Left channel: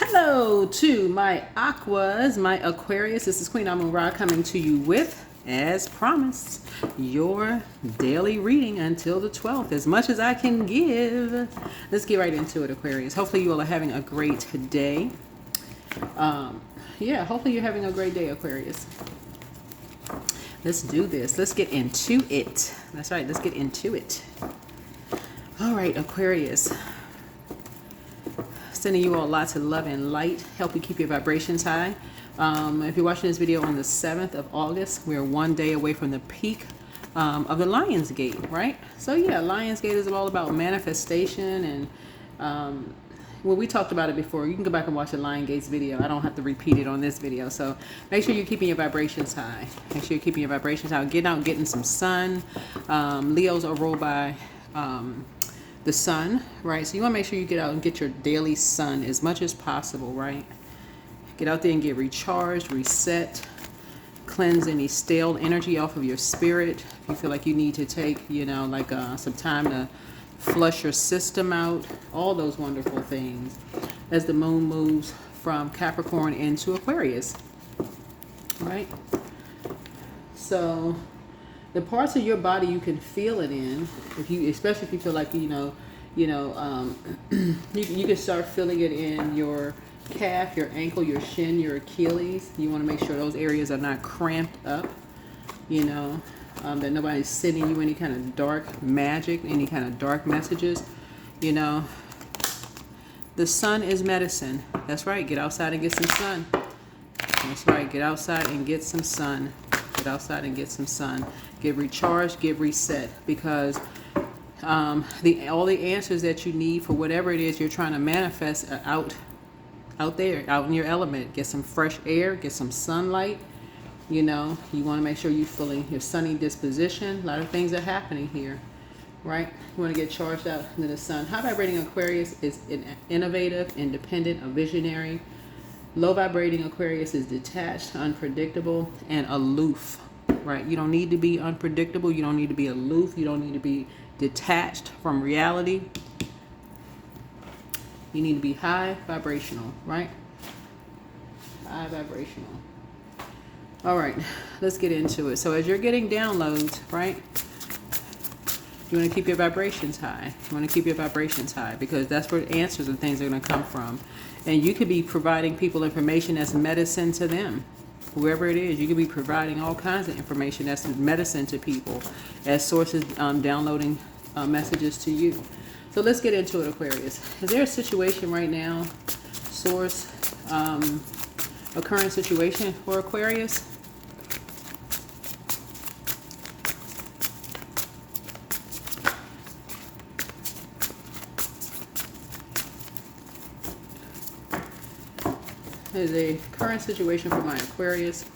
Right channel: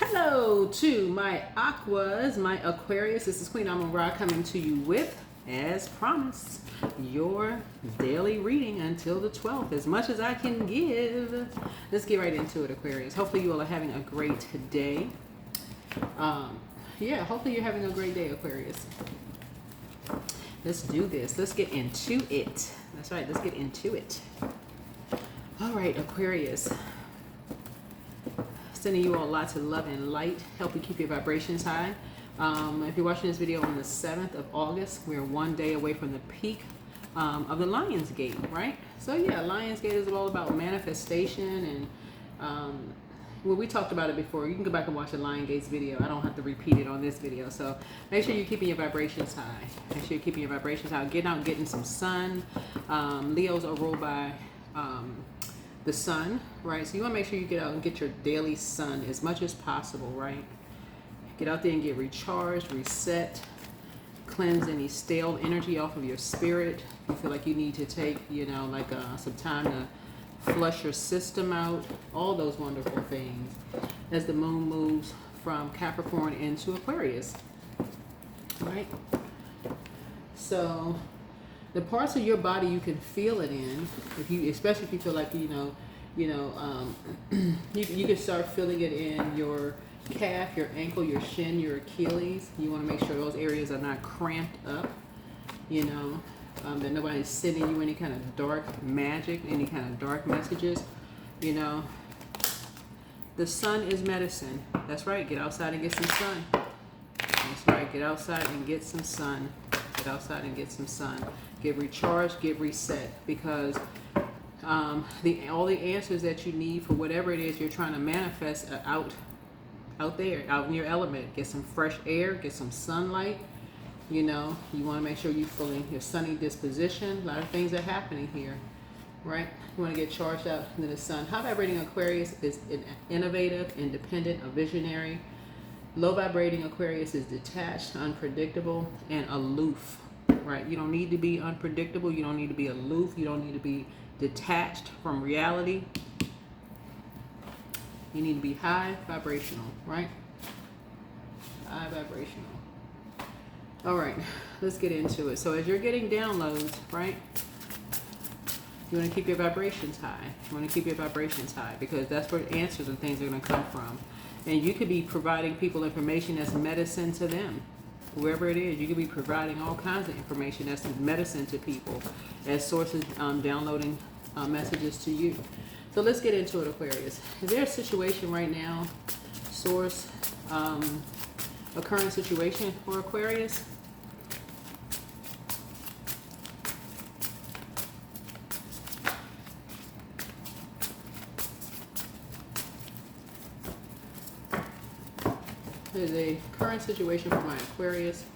Hello to my Aquas, my Aquarius. This is Queen Amun Ra coming to you with, as promised, your daily reading until the 12th, as much as I can give. Let's get right into it, Aquarius. Hopefully you all are having a great day. Hopefully you're having a great day, Aquarius. Let's do this. Let's get into it. That's right, let's get into it. All right, Aquarius. Sending you all lots of love and light, help you keep your vibrations high. If you're watching this video on the 7th of August, we're one day away from the peak of the Lion's Gate, right? So yeah, Lion's Gate is all about manifestation, and we talked about it before. You can go back and watch the Lion Gates video. I don't have to repeat it on this video. So make sure you're keeping your vibrations high. Make sure you're keeping your vibrations high. Get out, getting some sun. Leos are ruled by the sun, right? So you want to make sure you get out and get your daily sun as much as possible, right? Get out there and get recharged, reset, cleanse any stale energy off of your spirit. If you feel like you need to take, some time to flush your system out, all those wonderful things as the moon moves from Capricorn into Aquarius, right? So the parts of your body you can feel it in, especially if you feel like you can start feeling it in your calf, your ankle, your shin, your Achilles. You want to make sure those areas are not cramped up, that nobody's sending you any kind of dark magic, any kind of dark messages. The sun is medicine. That's right. Get outside and get some sun. That's right. Get outside and get some sun. Get outside and get some sun. Get recharged, get reset, because all the answers that you need for whatever it is you're trying to manifest are out there, out in your element. Get some fresh air, get some sunlight. You want to make sure you're feeling your sunny disposition. A lot of things are happening here, right? You want to get charged out into the sun. High vibrating Aquarius is innovative, independent, a visionary. Low vibrating Aquarius is detached, unpredictable, and aloof, right? You don't need to be unpredictable. You don't need to be aloof. You don't need to be detached from reality. You need to be high vibrational, right? High vibrational. All right, let's get into it. So as you're getting downloads, right, you want to keep your vibrations high. You want to keep your vibrations high because that's where answers and things are going to come from. And you could be providing people information as medicine to them. Whoever it is, you could be providing all kinds of information that's medicine to people as sources downloading messages to you. So let's get into it, Aquarius. Is there a situation right now, source, a current situation for Aquarius? There's a current situation for my Aquarius.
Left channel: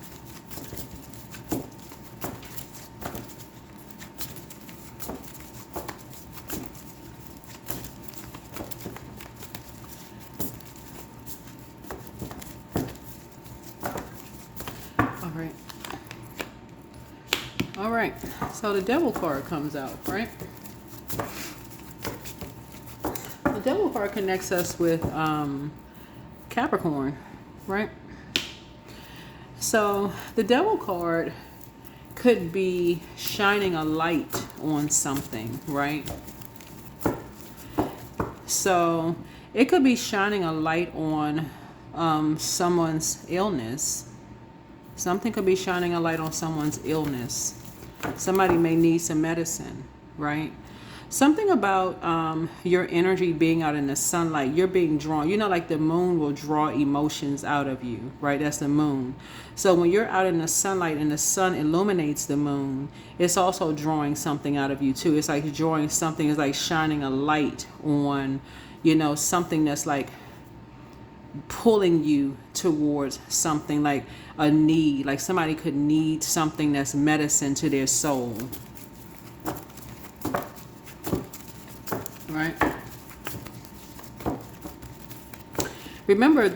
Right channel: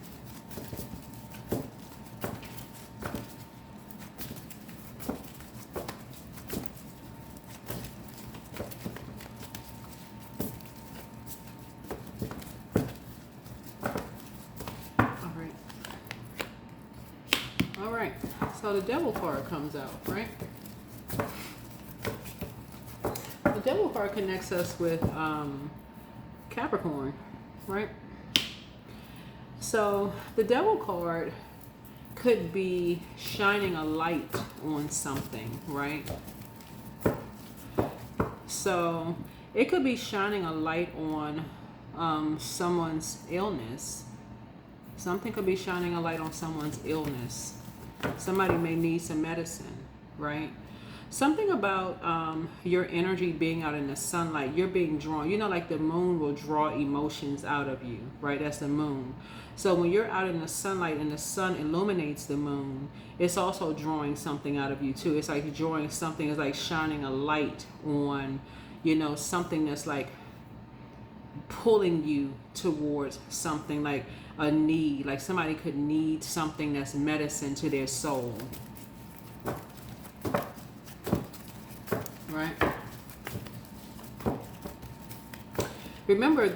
All right. So the Devil card comes out, right? The Devil card connects us with Capricorn, right? So the Devil card could be shining a light on something, right? So it could be shining a light on someone's illness. Something could be shining a light on someone's illness. Somebody may need some medicine, right? Something about your energy being out in the sunlight, you're being drawn. Like the moon will draw emotions out of you, right? That's the moon. So when you're out in the sunlight and the sun illuminates the moon, it's also drawing something out of you too. It's like drawing something, it's like shining a light on, something that's like pulling you towards something, like a need, like somebody could need something that's medicine to their soul. Right? Remember,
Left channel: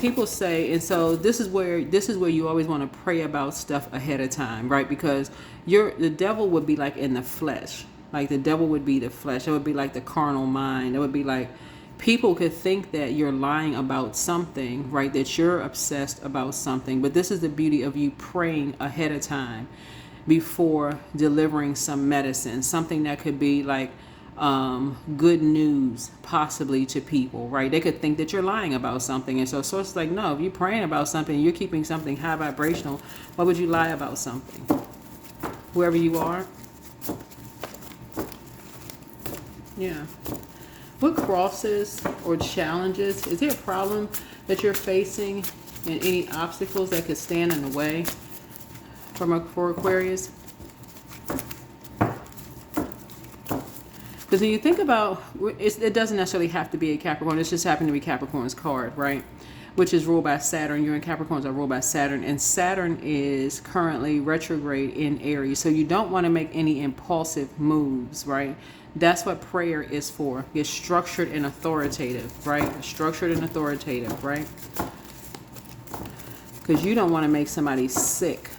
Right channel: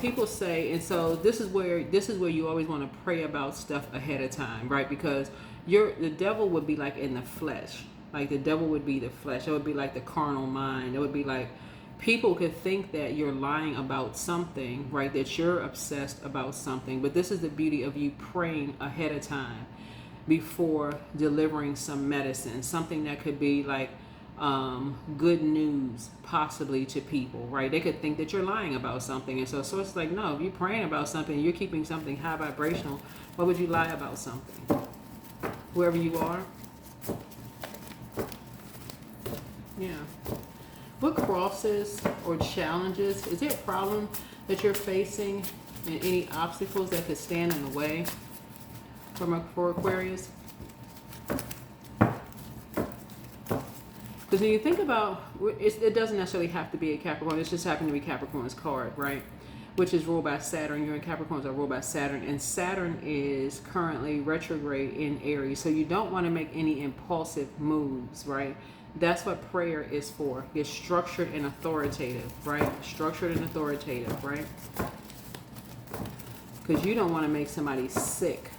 people say, and so this is where you always want to pray about stuff ahead of time, right? Because the devil would be like in the flesh. Like the devil would be the flesh. It would be like the carnal mind. It would be like, people could think that you're lying about something, right? That you're obsessed about something. But this is the beauty of you praying ahead of time before delivering some medicine, something that could be like good news possibly to people, right? They could think that you're lying about something. And so it's like, no, if you're praying about something, you're keeping something high vibrational, why would you lie about something? Whoever you are. Yeah. What crosses or challenges, is there a problem that you're facing and any obstacles that could stand in the way for Aquarius? Because when you think about, it doesn't necessarily have to be a Capricorn. It's just happened to be Capricorn's card, right? Which is ruled by Saturn. You're in Capricorns are ruled by Saturn. And Saturn is currently retrograde in Aries. So you don't want to make any impulsive moves, right? That's what prayer is for. It's structured and authoritative, right? Structured and authoritative, right? Because you don't want to make somebody sick.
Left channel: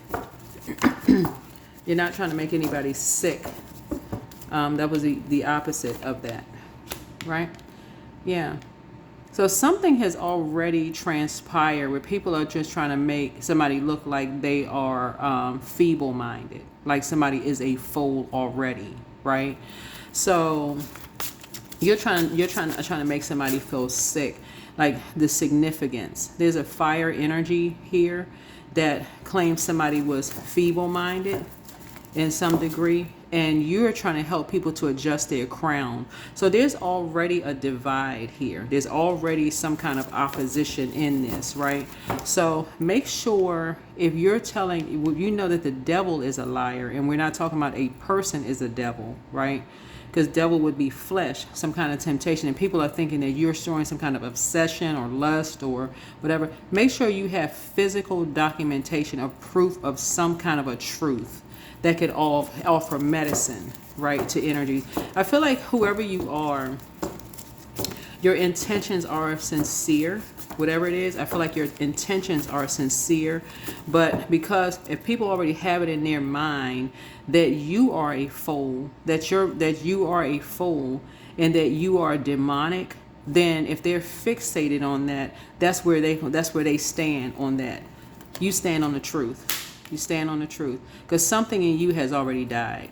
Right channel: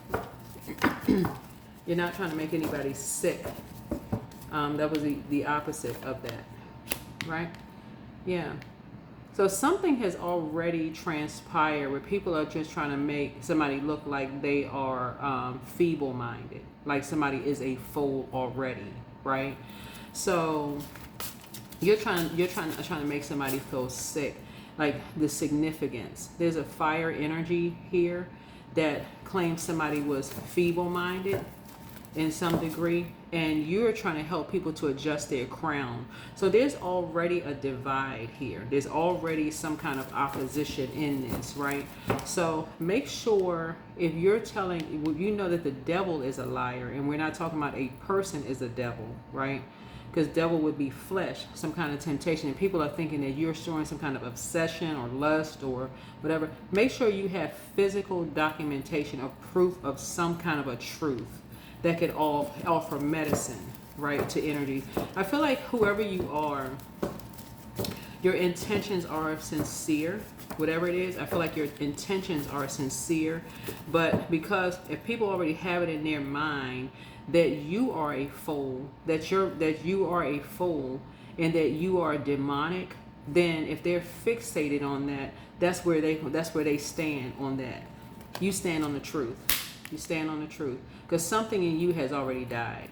You're not trying to make anybody sick. That was the opposite of that, right? Yeah. So something has already transpired where people are just trying to make somebody look like they are feeble-minded, like somebody is a fool already, right? So you're trying to make somebody feel sick, like the significance. There's a fire energy here that claims somebody was feeble-minded in some degree, and you're trying to help people to adjust their crown. So there's already a divide here. There's already some kind of opposition in this, right? So make sure if you're telling, you know that the devil is a liar, and we're not talking about a person is a devil, right? Because devil would be flesh, some kind of temptation, and people are thinking that you're showing some kind of obsession or lust or whatever. Make sure you have physical documentation of proof of some kind of a truth that could offer medicine, right, to energy. I feel like whoever you are, your intentions are sincere, whatever it is. I feel like your intentions are sincere, but because if people already have it in their mind that you are a fool, that you are a fool, and that you are demonic, then if they're fixated on that, that's where they stand on that. You stand on the truth. You stand on the truth, because something in you has already died.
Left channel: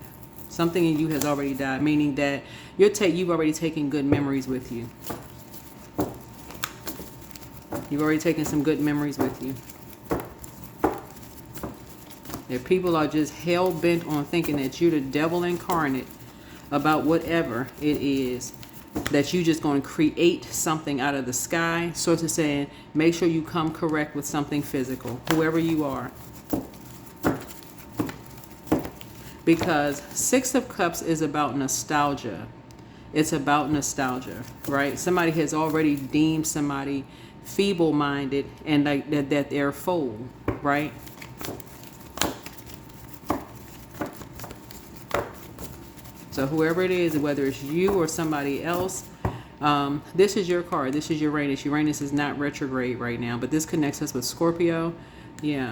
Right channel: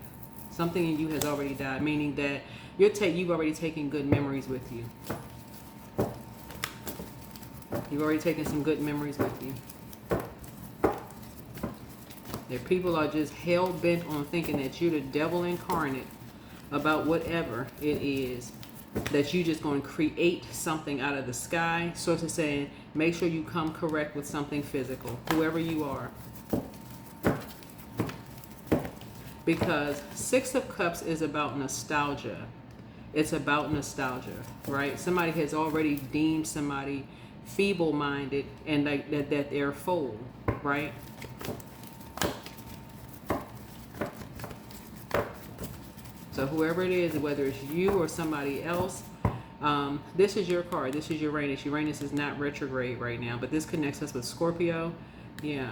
Something in you has already died, meaning that you've already taken good memories with you. You've already taken some good memories with you. If people are just hell-bent on thinking that you're the devil incarnate about whatever it is, that you just going to create something out of the sky, sort of saying, make sure you come correct with something physical, whoever you are. Because Six of Cups is about nostalgia. It's about nostalgia, right? Somebody has already deemed somebody feeble-minded and like that they're a fool, right? So whoever it is, whether it's you or somebody else, this is your card. This is Uranus. Uranus is not retrograde right now, but this connects us with Scorpio. Yeah.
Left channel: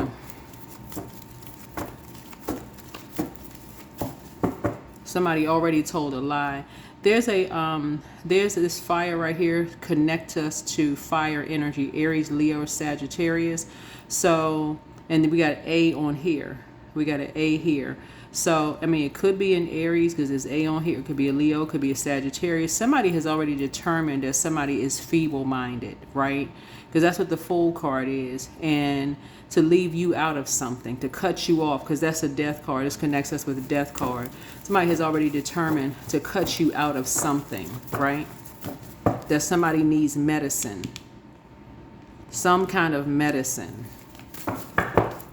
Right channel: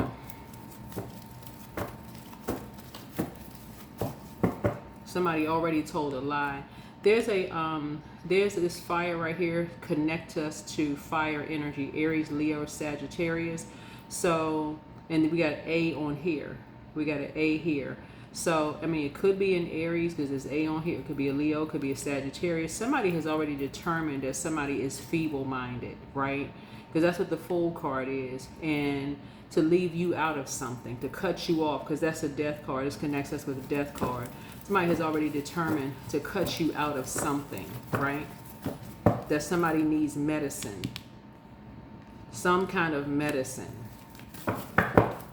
Somebody already told a lie. There's this fire right here, connect us to fire energy, Aries, Leo, Sagittarius. So, and we got an A on here. We got an A here. So, I mean, it could be an Aries because there's A on here. It could be a Leo, it could be a Sagittarius. Somebody has already determined that somebody is feeble-minded, right? Because that's what the Fool card is. And to leave you out of something, to cut you off, because that's a death card. This connects us with a death card. Somebody has already determined to cut you out of something, right? That somebody needs medicine, some kind of medicine,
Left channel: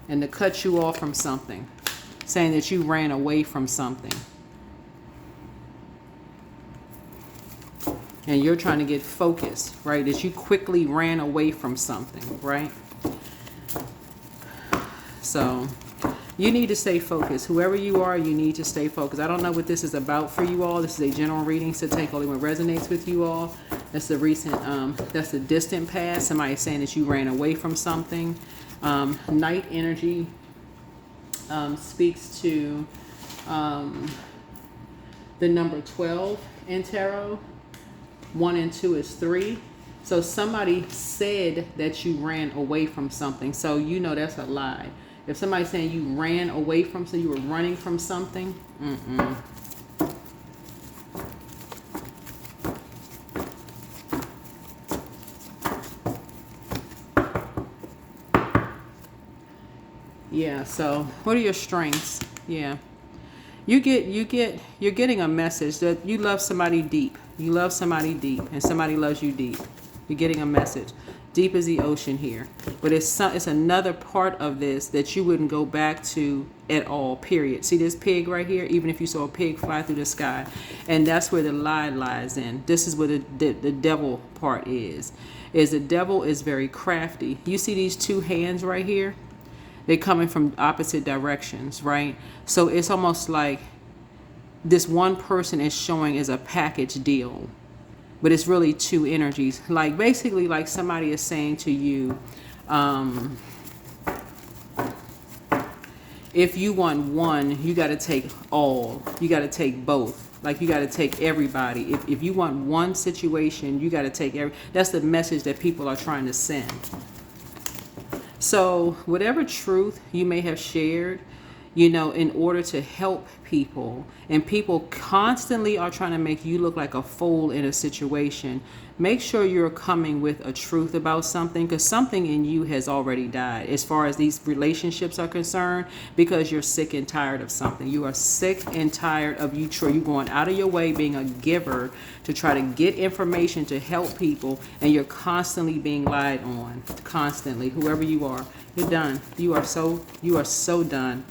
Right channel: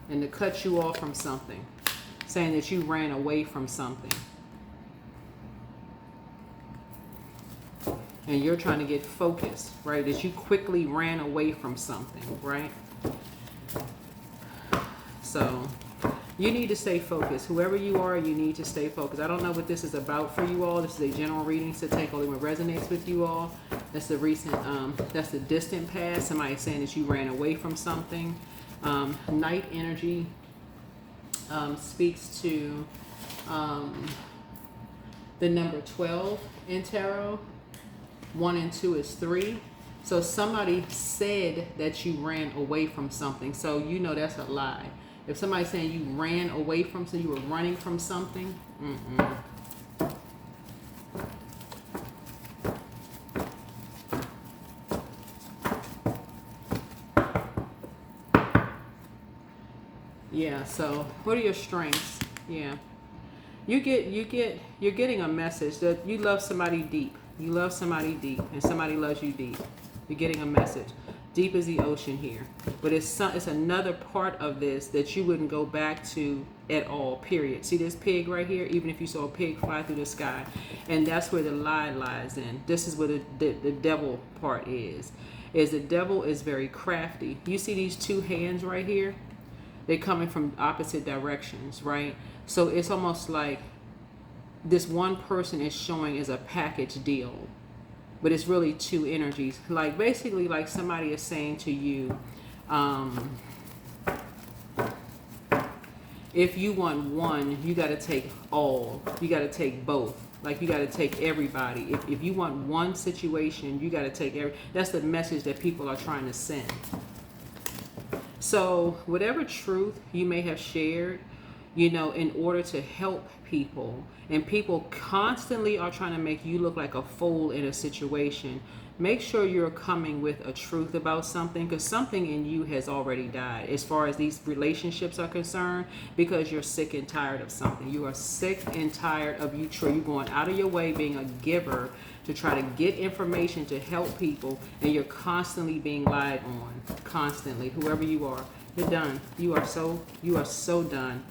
and to cut you off from something, saying that you ran away from something. And you're trying to get focused, right? That you quickly ran away from something, right? So you need to stay focused. Whoever you are, you need to stay focused. I don't know what this is about for you all. This is a general reading, so take only what resonates with you all. That's the recent, that's the distant past. Somebody saying that you ran away from something. Night energy speaks to the number 12 in tarot. 1 and 2 is 3. So somebody said that you ran away from something. So you know that's a lie. If somebody's saying you ran away from something, you were running from something, yeah, so what are your strengths? Yeah. You're getting a message that you love somebody deep. You love somebody deep, and somebody loves you deep. You're getting a message. Deep as the ocean here, but it's another part of this that you wouldn't go back to at all. Period. See this pig right here? Even if you saw a pig fly through the sky, and that's where the lie lies in. This is where the devil part is. Is the devil is very crafty. You see these two hands right here? They're coming from opposite directions, right? So it's almost like this one person is showing as a package deal, but it's really two energies. Like basically like somebody is saying to you, if you want one, you got to take all. You got to take both. Like you got to take everybody. If you want one situation, you got to take every. That's the message that people are trying to send. So whatever truth you may have shared, you know, in order to help people, and people constantly are trying to make you look like a fool in a situation, make sure you're coming with a truth about something, because something in you has already died as far as these relationships are concerned, because you're sick and tired of something. You are sick and tired of you going out of your way, being a giver to try to get information to help people, and you're constantly being lied on. Constantly. Whoever you are, you're done. You are so done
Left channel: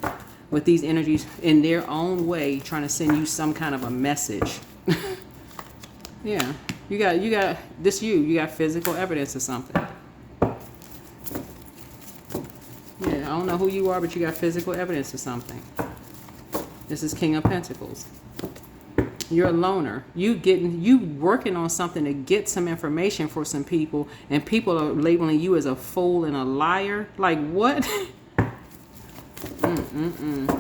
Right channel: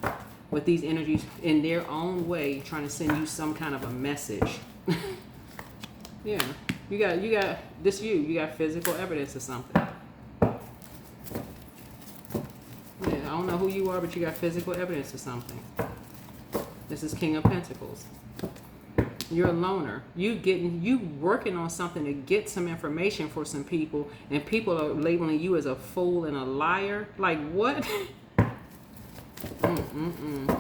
with these energies in their own way trying to send you some kind of a message. Yeah. You got this. You got physical evidence of something. Yeah, I don't know who you are, but you got physical evidence of something. This is King of Pentacles. You're a loner. You working on something to get some information for some people, and people are labeling you as a fool and a liar. Like what? I'm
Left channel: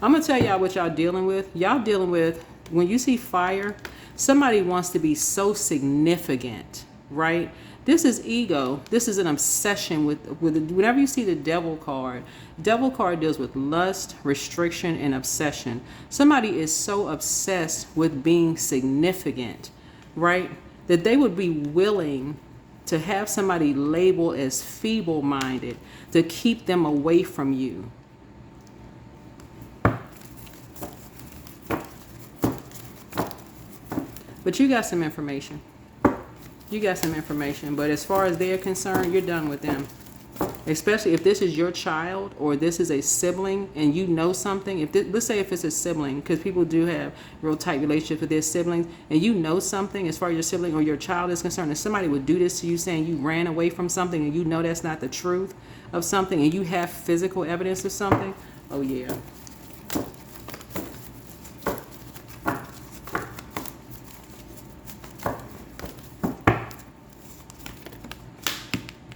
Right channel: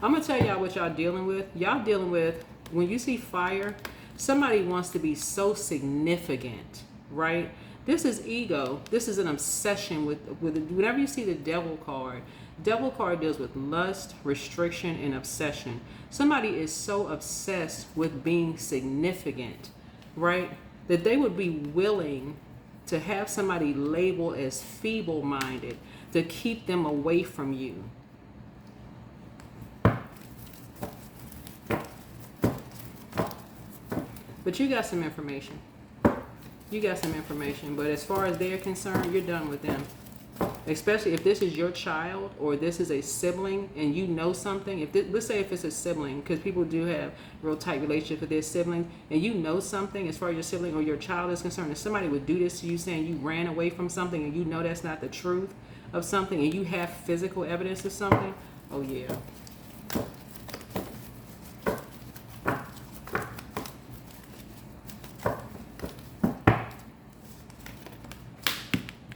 gonna tell y'all what y'all dealing with. Y'all dealing with, when you see fire, somebody wants to be so significant, right? This is ego. This is an obsession with whenever you see the devil card deals with lust, restriction, and obsession. Somebody is so obsessed with being significant, right, that they would be willing to have somebody labeled as feeble-minded to keep them away from you. But you got some information. But as far as they're concerned, you're done with them. Especially if this is your child or this is a sibling and you know something. Let's say if it's a sibling, because people do have real tight relationships with their siblings, and you know something as far as your sibling or your child is concerned, if somebody would do this to you saying you ran away from something and you know that's not the truth of something, and you have physical evidence of something, oh yeah.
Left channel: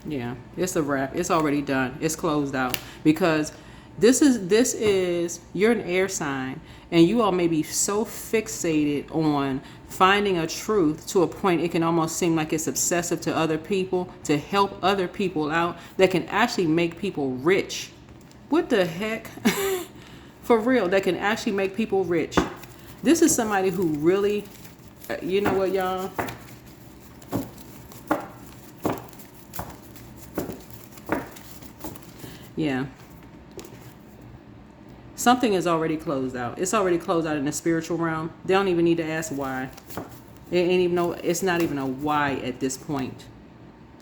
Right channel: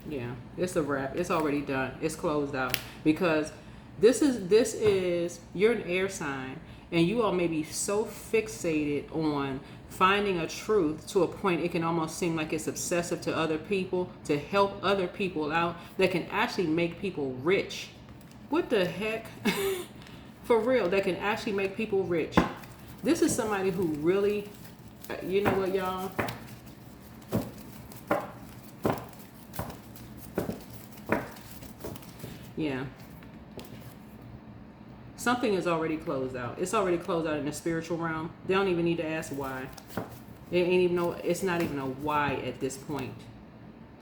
Yeah, it's a wrap. It's already done. It's closed out, because this is you're an air sign, and you all may be so fixated on finding a truth to a point it can almost seem like it's obsessive to other people, to help other people out, that can actually make people rich. What the heck? For real, that can actually make people rich. This is somebody who really, you know what, y'all? Yeah. Something is already closed out. It's already closed out in the spiritual realm. They don't even need to ask why. They ain't even know. It's not even a why at this point.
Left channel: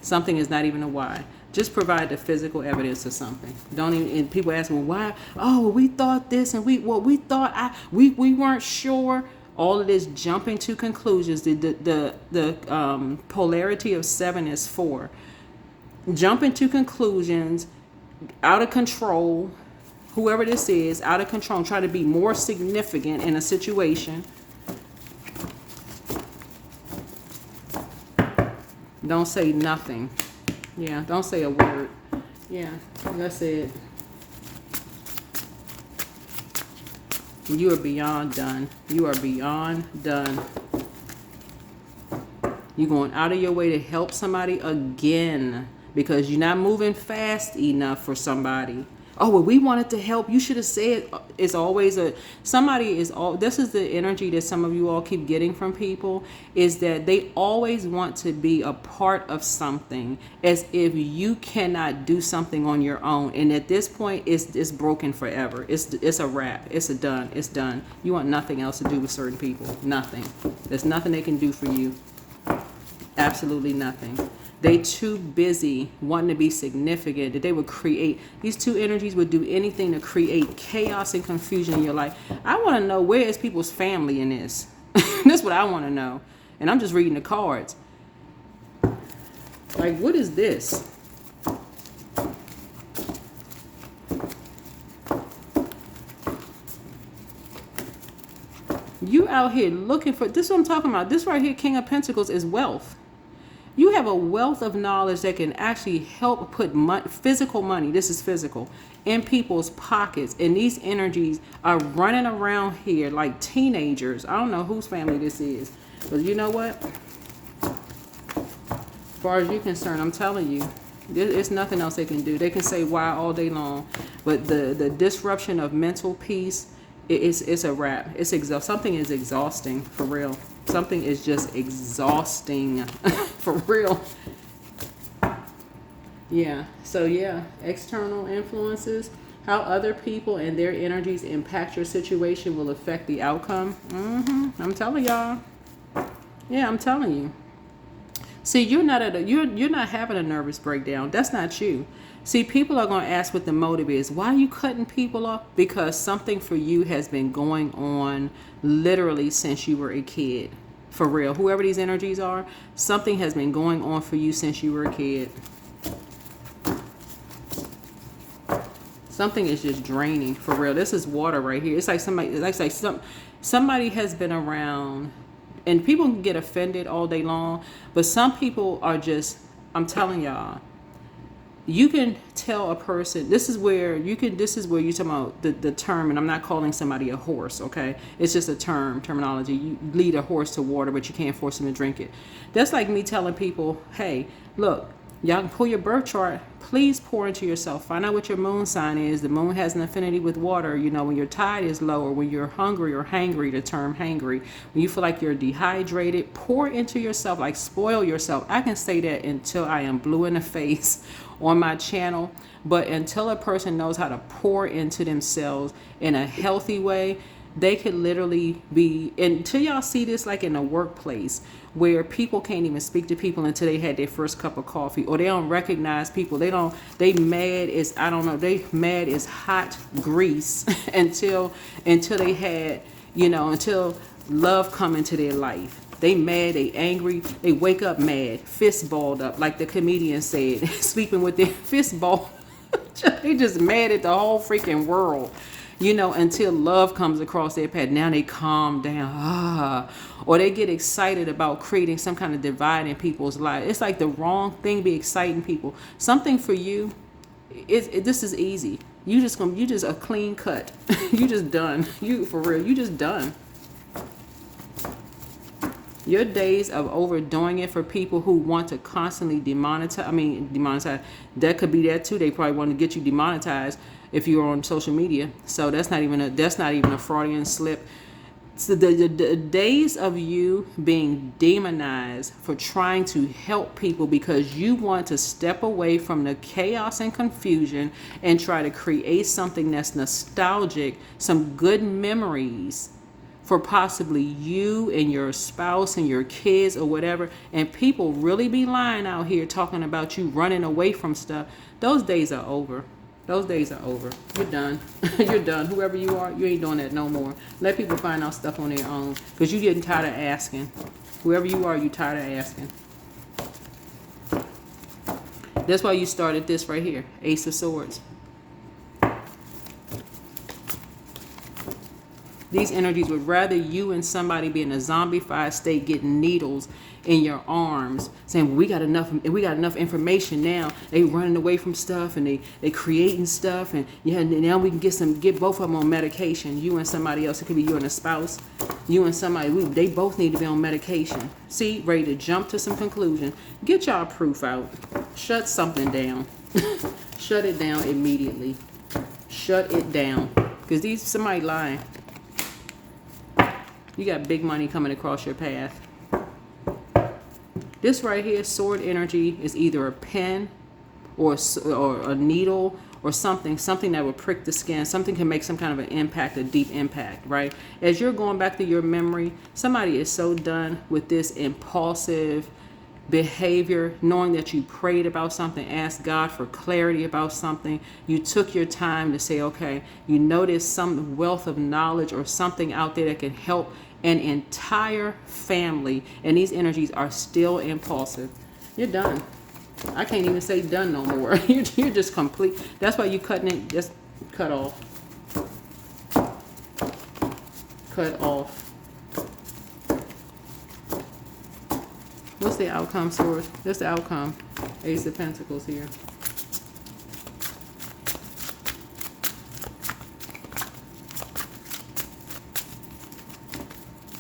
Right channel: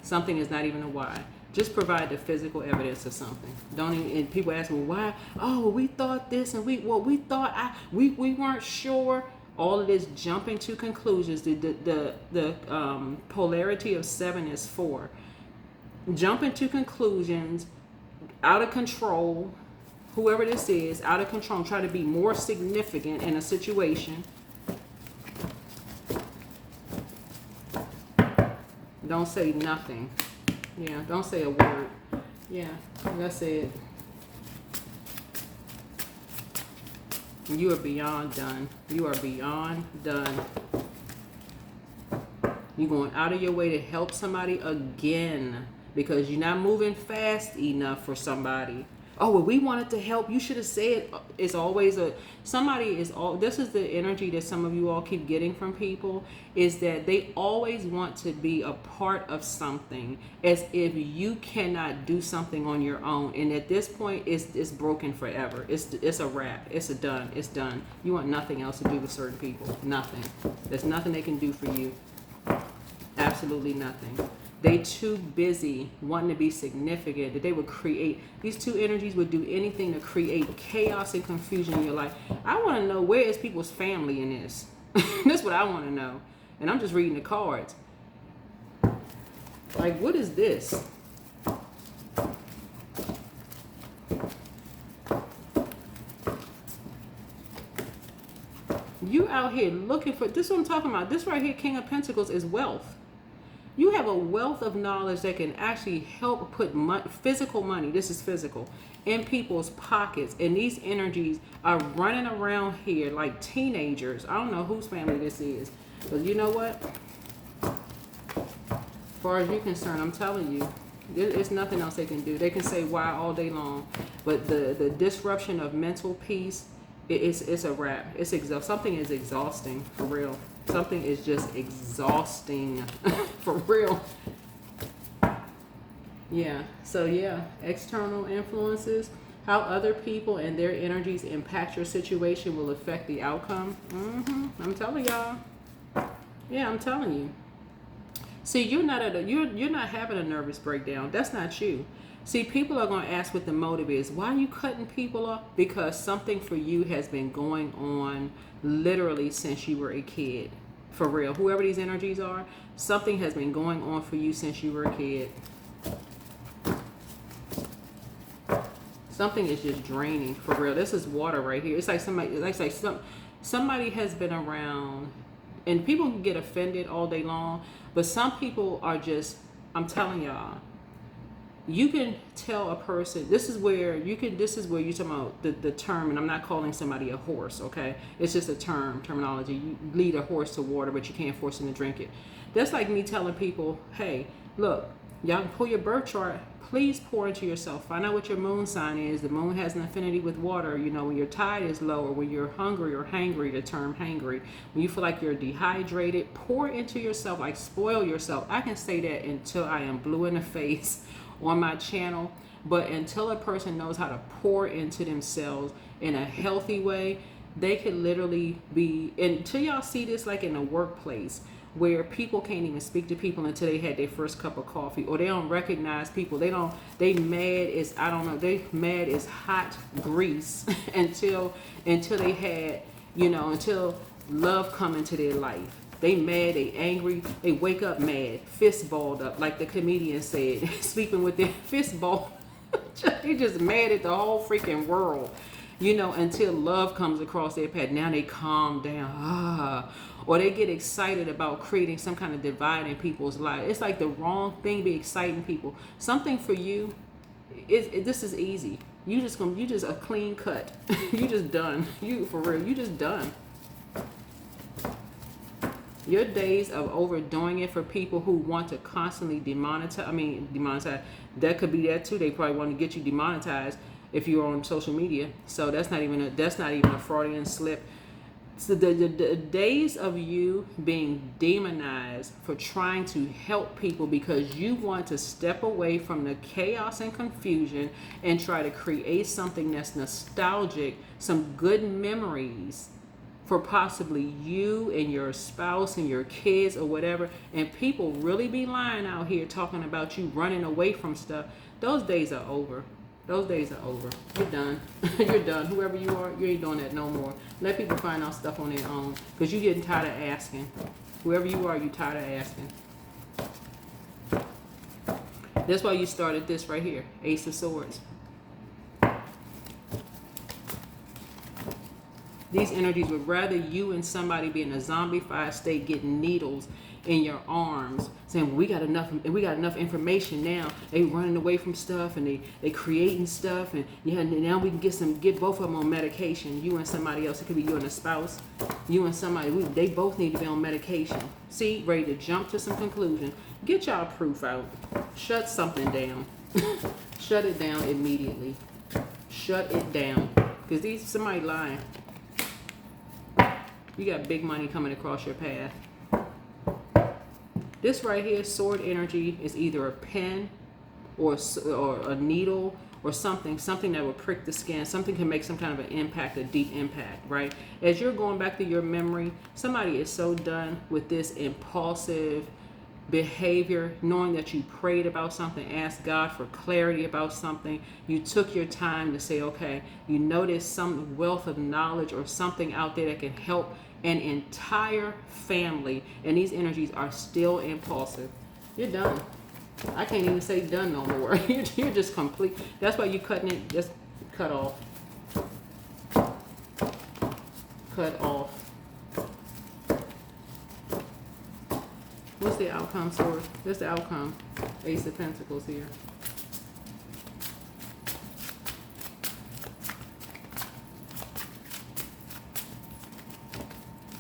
Something is not even a why. Just provide the physical evidence of something. Don't even. And people ask, well, why? Oh, we thought this, and we thought we weren't sure. All of this jumping to conclusions. The polarity of 7 is 4. Jumping to conclusions. Out of control, whoever this is, out of control, try to be more significant in a situation. Don't say nothing. Yeah, don't say a word. Yeah, that's it. You are beyond done. You are beyond done. You're going out of your way to help somebody again because you're not moving fast enough for somebody. Oh, well, we wanted to help. You should have said. It's always somebody is all. This is the energy that some of you all keep getting from people, is that they always want to be a part of something, as if you cannot do something on your own. And at this point, it's broken forever. It's a wrap. It's done. It's done. You want nothing else to do with certain people. Nothing. There's nothing they can do for you. Absolutely nothing. They too busy wanting to be significant that they would create. These two energies would do anything to create chaos and confusion in your life. I want to know, where is people's family in this? That's what I want to know. And I'm just reading the cards. Like, what is this? You out here looking for, this is what I'm talking about. This right here, King of Pentacles, is wealth. You have a wealth of knowledge that can actually help put physical money, this is physical, in people's pockets. And these energies are running around here like teenagers. I don't know whose family this is. But you know what? As far as you're concerned, I'm telling you, there's nothing else they can do. They can say why all day long. But the disruption of mental peace, it's a wrap. Something is exhausting, for real. Something is just exhausting for real. Yeah. So yeah, external influences, how other people and their energies impact your situation will affect the outcome. I'm telling y'all. Yeah, I'm telling you. See, you're not having a nervous breakdown. That's not you. See, people are going to ask what the motive is. Why are you cutting people off? Because something for you has been going on literally since you were a kid. For real. Whoever these energies are, something has been going on for you since you were a kid. Something is just draining, for real. This is water right here. It's like somebody has been around, and people can get offended all day long, but some people are just, I'm telling y'all, you can tell a person, this is where you're talking about the term, and I'm not calling somebody a horse, okay? It's just a terminology. You lead a horse to water, but you can't force him to drink it. That's like me telling people, hey, look, y'all can pull your birth chart. Please pour into yourself. Find out what your moon sign is. The moon has an affinity with water. You know, when your tide is low, or when you're hungry or hangry, the term hangry. When you feel like you're dehydrated, pour into yourself, like spoil yourself. I can say that until I am blue in the face on my channel. But until a person knows how to pour into themselves in a healthy way, they can literally be, until y'all see this like in the workplace, where people can't even speak to people until they had their first cup of coffee, or they don't recognize people. They mad as hot grease until they had, until love come into their life. They mad, they angry, they wake up mad, fist balled up, like the comedian said, sleeping with their fist balled. They just mad at the whole freaking world. Until love comes across their path. Now they calm down. Or they get excited about creating some kind of divide in people's lives. It's like the wrong thing be exciting people. Something for you, this is easy. You just a clean cut. You just done. For real, you just done. Your days of overdoing it for people who want to constantly demonetize. That could be that too. They probably want to get you demonetized if you're on social media. So that's not even a Freudian slip. So the days of you being demonized for trying to help people because you want to step away from the chaos and confusion and try to create something that's nostalgic, some good memories for possibly you and your spouse and your kids or whatever, and people really be lying out here talking about you running away from stuff. Those days are over. Those days are over. You're done. You're done. Whoever you are, you ain't doing that no more. Let people find out stuff on their own, because you're getting tired of asking. Whoever you are, you're tired of asking. That's why you started this right here, Ace of Swords. These energies would rather you and somebody be in a zombified state getting needles in your arms, saying we got enough information now. They running away from stuff and they creating stuff, and yeah, now we can get both of them on medication. You and somebody else. It could be you and a spouse. You and somebody. They both need to be on medication. See, ready to jump to some conclusion. Get y'all proof out. Shut something down. Shut it down immediately. Shut it down. Because somebody lying. You got big money coming across your path. This right here, sword energy, is either a pen or a needle or something that would prick the skin. Something can make some kind of an impact, a deep impact, right? As you're going back to your memory, somebody is so done with this impulsive behavior, knowing that you prayed about something, asked God for clarity about something. You took your time to say, okay, you noticed some wealth of knowledge or something out there that can help an entire family, and these energies are still impulsive. You're done. I can't even say done no more. You're just complete. That's why you cutting it. Just cut off. Cut off. What's the outcome, source? That's the outcome. Ace of Pentacles here.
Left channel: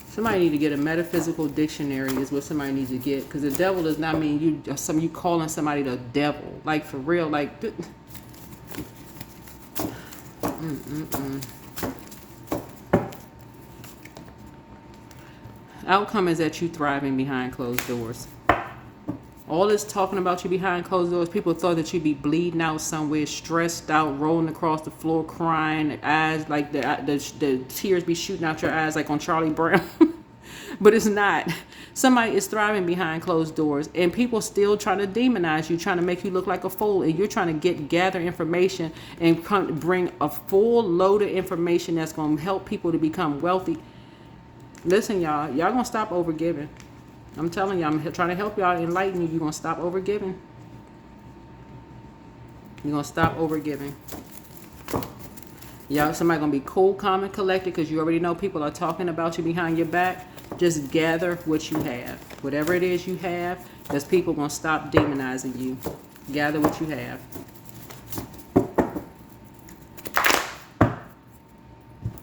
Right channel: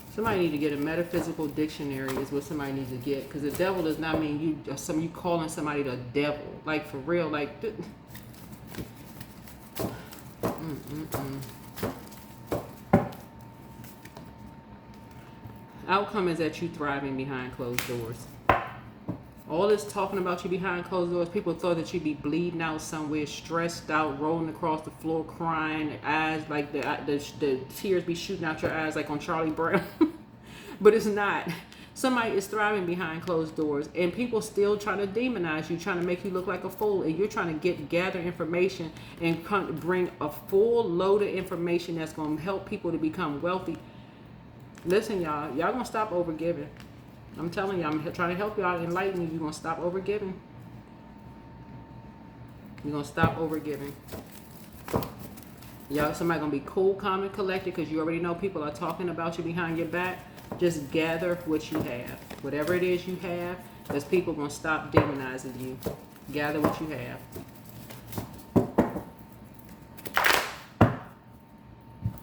Somebody need to get a metaphysical dictionary is what somebody needs to get. Because the devil does not mean you calling somebody the devil. Like, for real, like... Outcome is that you thriving behind closed doors. All this talking about you behind closed doors, people thought that you'd be bleeding out somewhere, stressed out, rolling across the floor, crying, eyes like the tears be shooting out your eyes like on Charlie Brown. But it's not. Somebody is thriving behind closed doors, and people still trying to demonize you, trying to make you look like a fool, and you're trying to gather information and bring a full load of information that's going to help people to become wealthy. Listen, y'all gonna stop overgiving. I'm telling you, I'm trying to help y'all, enlighten you. You're gonna stop overgiving. You're gonna stop overgiving. Y'all, somebody gonna be cool, calm, and collected because you already know people are talking about you behind your back. Just gather what you have. Whatever it is you have, there's people gonna stop demonizing you. Gather what you have.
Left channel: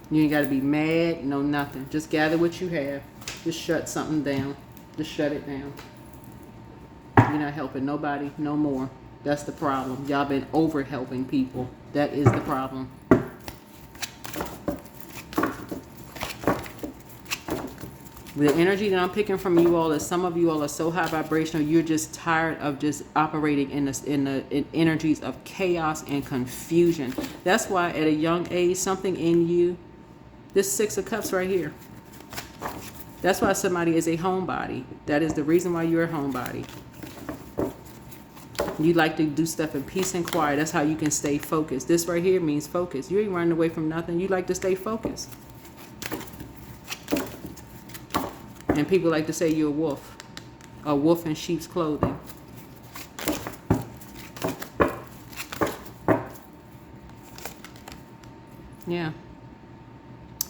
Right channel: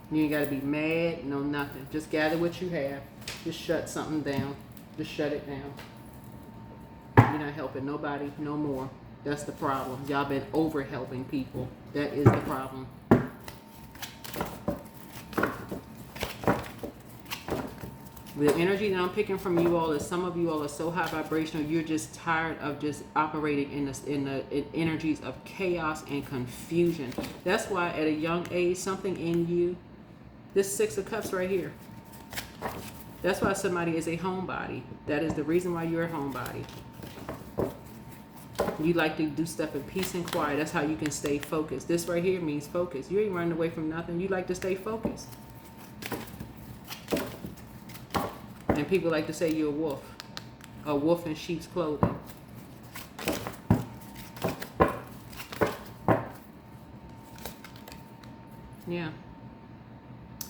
You ain't got to be mad, no nothing. Just gather what you have. Just shut something down. Just shut it down. You're not helping nobody no more. That's the problem. Y'all been over helping people. That is the problem. The energy that I'm picking from you all is some of you all are so high vibrational, you're just tired of just operating in energies of chaos and confusion. That's why at a young age, something in you, this Six of Cups right here, that's why somebody is a homebody. That is the reason why you're a homebody. You like to do stuff in peace and quiet. That's how you can stay focused. This right here means focus. You ain't running away from nothing. You like to stay focused. And people like to say you're a wolf in sheep's clothing. Yeah.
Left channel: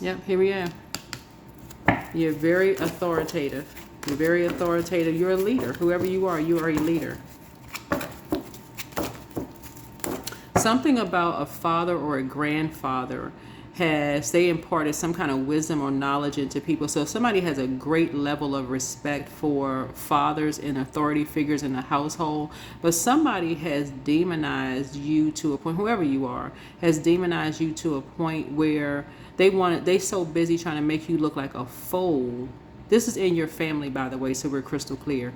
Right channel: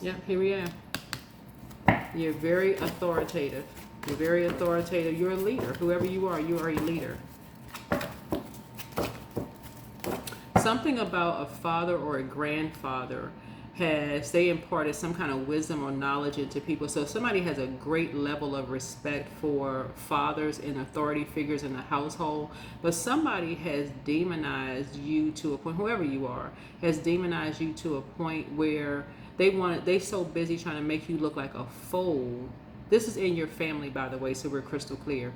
Yep, here we are. You're very authoritative. You're very authoritative. You're a leader. Whoever you are a leader. Something about a father or a grandfather they imparted some kind of wisdom or knowledge into people. So if somebody has a great level of respect for fathers and authority figures in the household, but somebody has demonized you to a point, whoever you are, has demonized you to a point where they so busy trying to make you look like a fool. This is in your family, by the way, so we're crystal clear.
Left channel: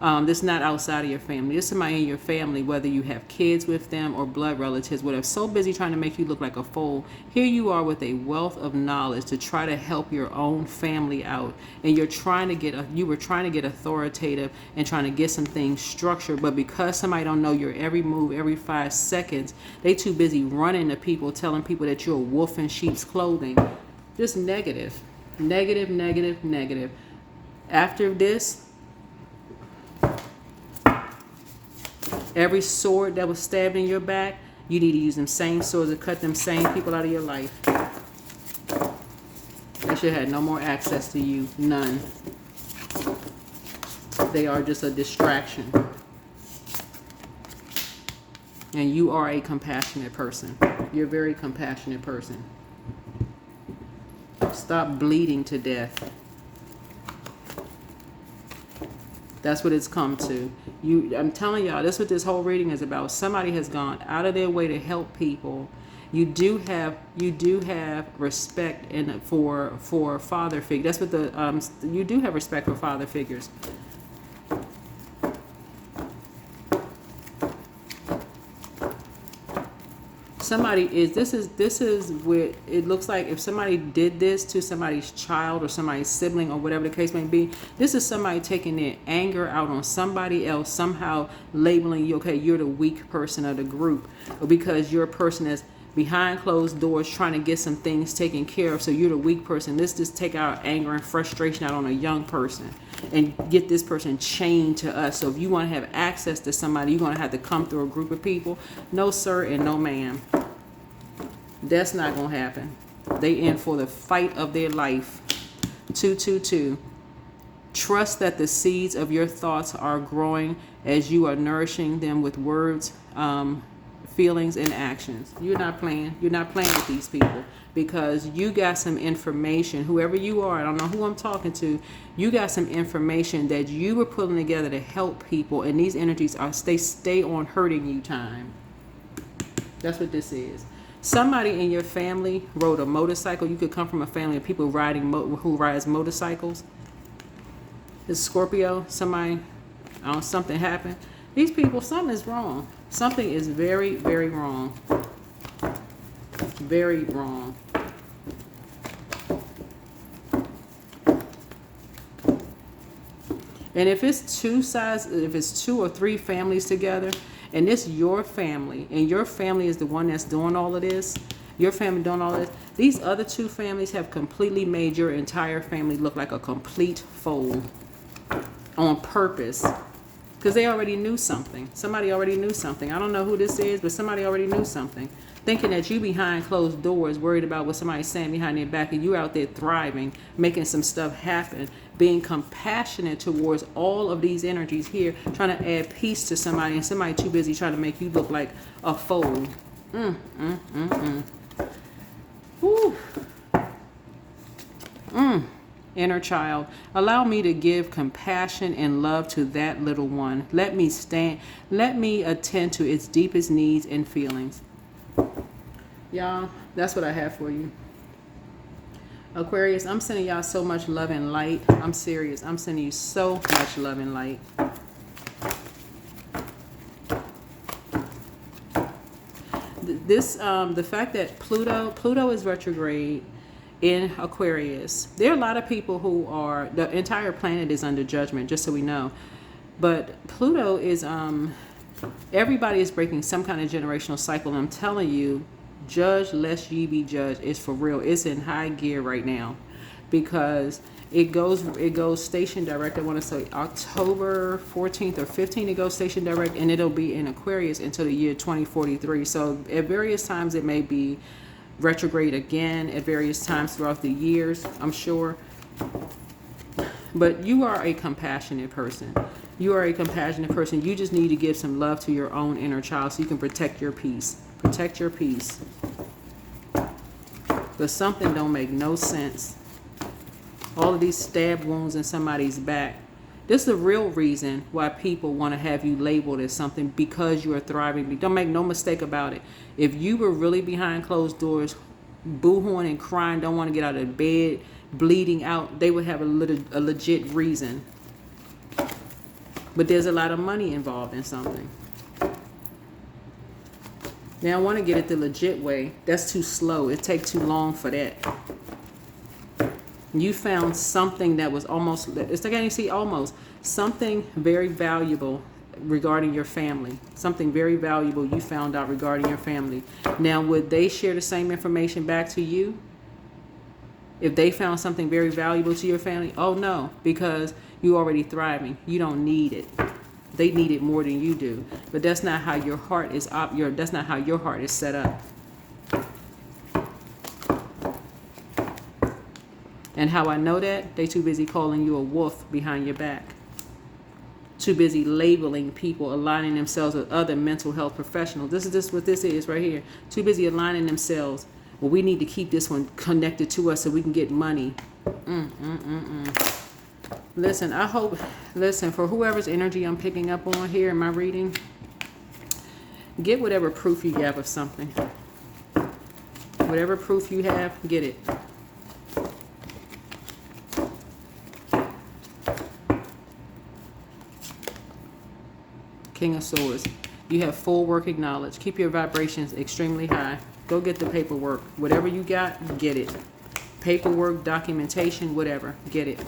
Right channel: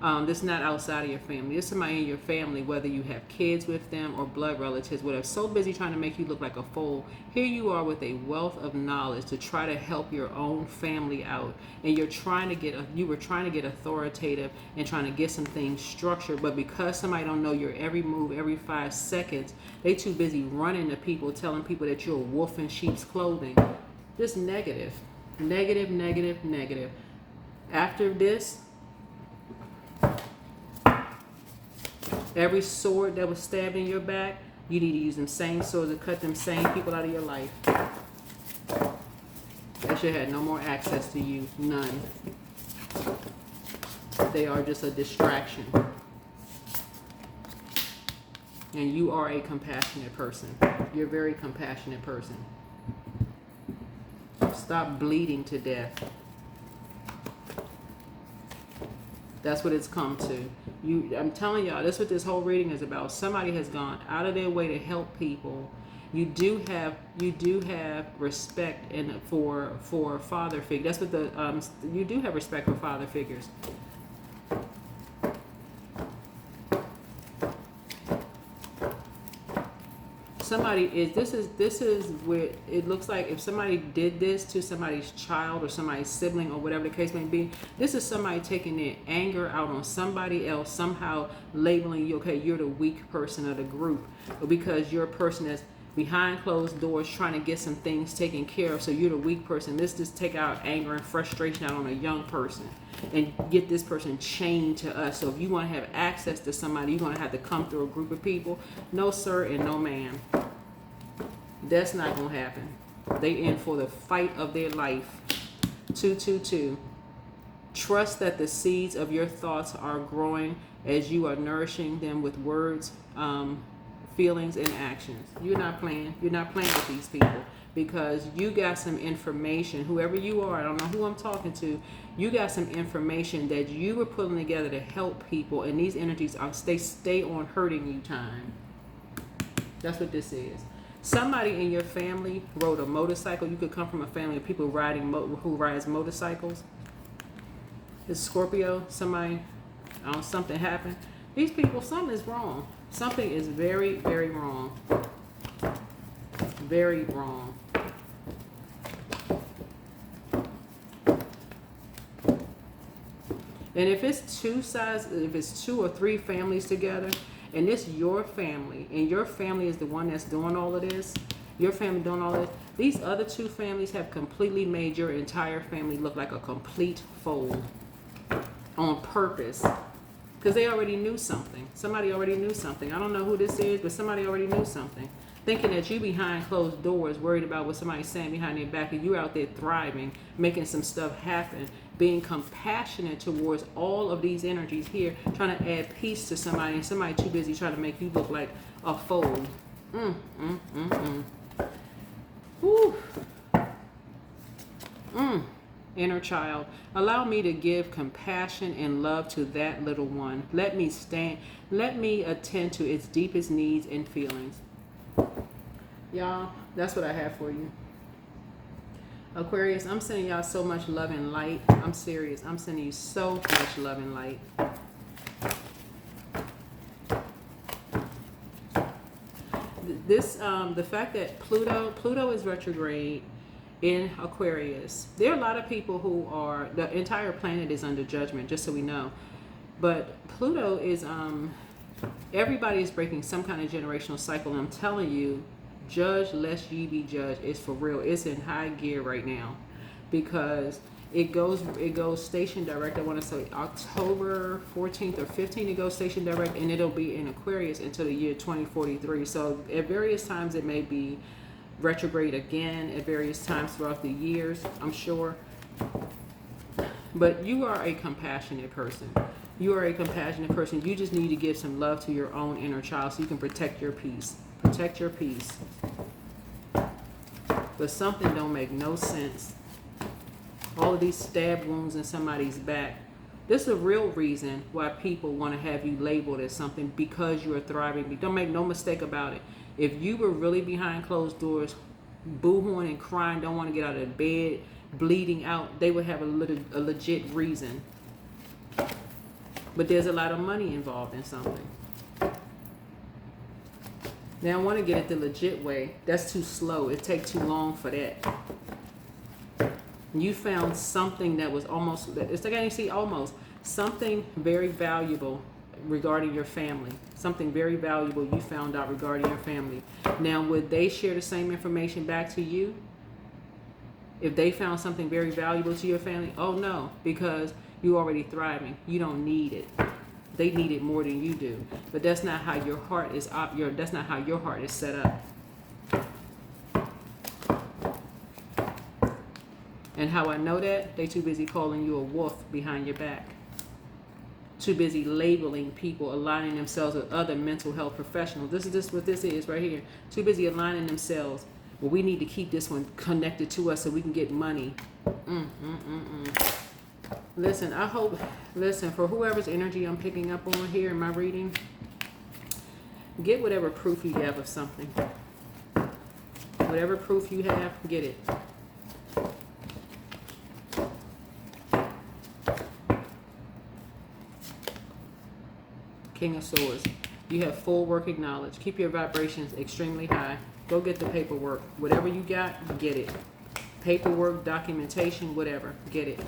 This is not outside of your family. This is somebody in your family, whether you have kids with them or blood relatives, whatever, so busy trying to make you look like a fool. Here you are with a wealth of knowledge to try to help your own family out. And you were trying to get authoritative and trying to get some things structured. But because somebody don't know your every move, every 5 seconds, they too busy running to people, telling people that you're a wolf in sheep's clothing. Just negative. Negative, negative, negative. After this, every sword that was stabbed in your back, you need to use them same swords to cut them same people out of your life. should have no more access to you. None. They are just a distraction. And you are a compassionate person. You're a very compassionate person. Stop bleeding to death. That's what it's come to. I'm telling y'all, that's what this whole reading is about. Somebody has gone out of their way to help people. You do have respect for father figures. That's what you do have respect for father figures. This is where it looks like if somebody did this to somebody's child or somebody's sibling or whatever the case may be, this is somebody taking their anger out on somebody else, somehow labeling you, okay, you're the weak person of the group, or because you're a person that's behind closed doors trying to get some things taken care of, so you're the weak person. Let's just take our anger and frustration out on a young person and get this person chained to us. So if you want to have access to somebody, you're going to have to come through a group of people. No sir and no ma'am. That's not going to happen. They in for the fight of their life. 222. Trust that the seeds of your thoughts are growing as you are nourishing them with words, feelings, and actions. You're not playing with these people, because you got some information. Whoever you are, I don't know who I'm talking to, you got some information that you were pulling together to help people, and these energies stay on hurting you time. That's what this is. Somebody in your family rode a motorcycle. You could come from a family of people who rides motorcycles. It's Scorpio. Somebody, something happened. These people, something is wrong. Something is very, very wrong. Very wrong. And if it's two or three families together, and this your family, and your family is the one that's doing all of this, your family doing all of this, these other two families have completely made your entire family look like a complete fool on purpose. Because they already knew something. Somebody already knew something. I don't know who this is, but somebody already knew something. Thinking that you behind closed doors, worried about what somebody's saying behind their back, and you out there thriving, making some stuff happen, being compassionate towards all of these energies here, trying to add peace to somebody, and somebody too busy trying to make you look like a fool. Whew. Inner child, allow me to give compassion and love to that little one. Let me attend to its deepest needs and feelings. Y'all, that's what I have for you. Aquarius, I'm sending y'all so much love and light. I'm serious. I'm sending you so much love and light. The fact that Pluto is retrograde in Aquarius. There are a lot of people who are, the entire planet is under judgment, just so we know. But Pluto is, everybody is breaking some kind of generational cycle. And I'm telling you, judge lest ye be judged. It's for real. It's in high gear right now, because it goes station direct. I want to say October 14th or 15th, it goes station direct, and it'll be in Aquarius until the year 2043. So at various times it may be retrograde again at various times throughout the years, I'm sure. But you are a compassionate person. You are a compassionate person. You just need to give some love to your own inner child so you can protect your peace. Protect your peace. But something don't make no sense. All of these stab wounds in somebody's back. This is the real reason why people want to have you labeled as something, because you are thriving. Don't make no mistake about it. If you were really behind closed doors, boo-hooing and crying, don't want to get out of bed, bleeding out, they would have a legit reason. But there's a lot of money involved in something. Now I want to get it the legit way. That's too slow. It takes too long for that. You found something that was almost, it's like you see almost, something very valuable regarding your family. Something very valuable you found out regarding your family. Now, would they share the same information back to you? If they found something very valuable to your family? Oh no, because you're already thriving. You don't need it. They need it more than you do. But that's not how your heart is that's not how your heart is set up. And how I know that? They too busy calling you a wolf behind your back. Too busy labeling people, aligning themselves with other mental health professionals. This is just what this is right here. Too busy aligning themselves. Well, we need to keep this one connected to us so we can get money. Listen, listen, for whoever's energy I'm picking up on here in my reading, get whatever proof you have of something. Whatever proof you have, get it. King of Swords. You have full working knowledge. Keep your vibrations extremely high. Go get the paperwork. Whatever you got, get it. Paperwork, documentation, whatever. Get it.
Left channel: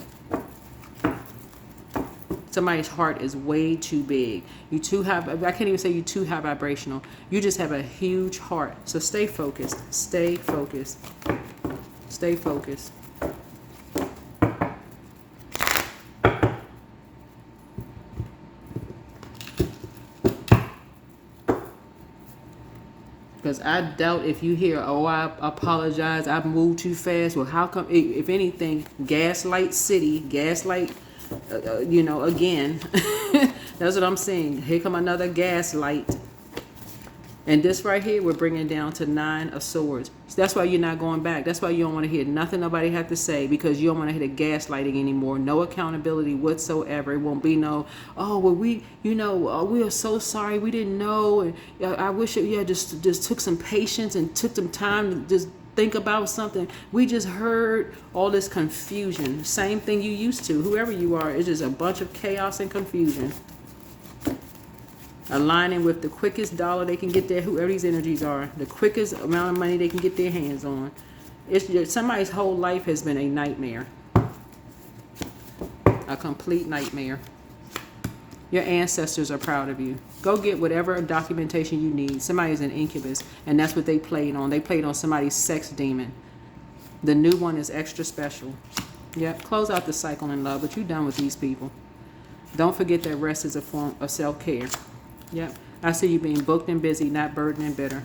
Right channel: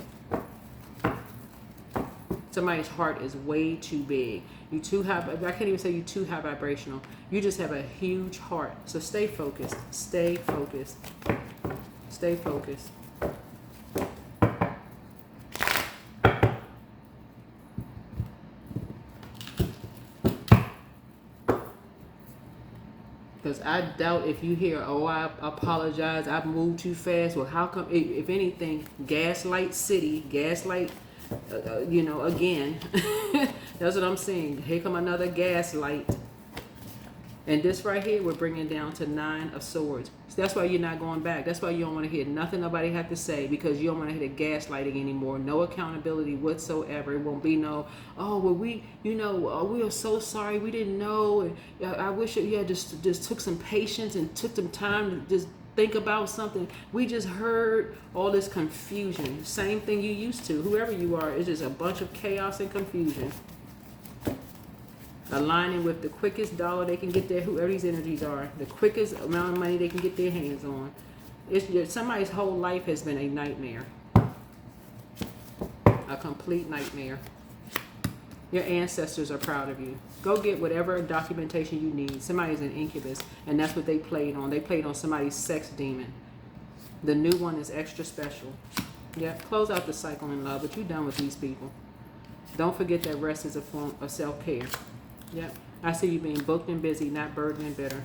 Somebody's heart is way too big. You too high. I can't even say you too high vibrational. You just have a huge heart. So stay focused. Stay focused. Stay focused. Because I doubt if you hear, oh, I apologize, I moved too fast. Well, how come, if anything, gaslight city, gaslight, again. That's what I'm saying. Here come another gaslight. And this right here, we're bringing down to 9 of Swords. So that's why you're not going back. That's why you don't want to hear nothing nobody have to say, because you don't want to hear the gaslighting anymore. No accountability whatsoever. It won't be no, oh, well, we are so sorry. We didn't know. I wish it, just took some patience and took some time to just think about something. We just heard all this confusion. Same thing you used to. Whoever you are, it's just a bunch of chaos and confusion. Aligning with the quickest dollar they can get there, whoever these energies are, the quickest amount of money they can get their hands on. It's just, somebody's whole life has been a nightmare. A complete nightmare. Your ancestors are proud of you. Go get whatever documentation you need. Somebody's an incubus, and that's what they played on. They played on somebody's sex demon. The new one is extra special. Yep, close out the cycle in love, but you're done with these people. Don't forget that rest is a form of self-care. Yep. I see you being booked and busy, not burdened and bitter.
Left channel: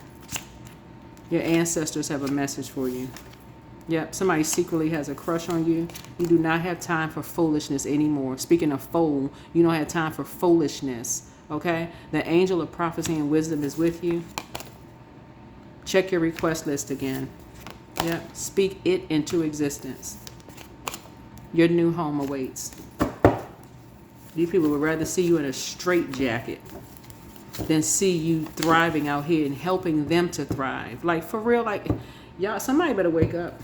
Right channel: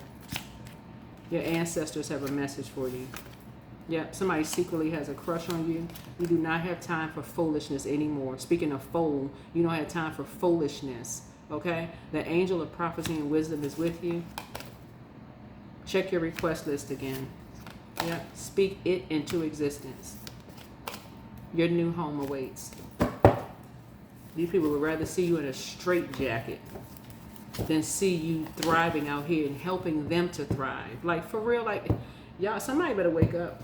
Your ancestors have a message for you. Yep. Somebody secretly has a crush on you. You do not have time for foolishness anymore. Speaking of fool, you don't have time for foolishness. Okay? The angel of prophecy and wisdom is with you. Check your request list again. Yep. Speak it into existence. Your new home awaits. These people would rather see you in a straitjacket than see you thriving out here and helping them to thrive. Like, for real, like, y'all, somebody better wake up.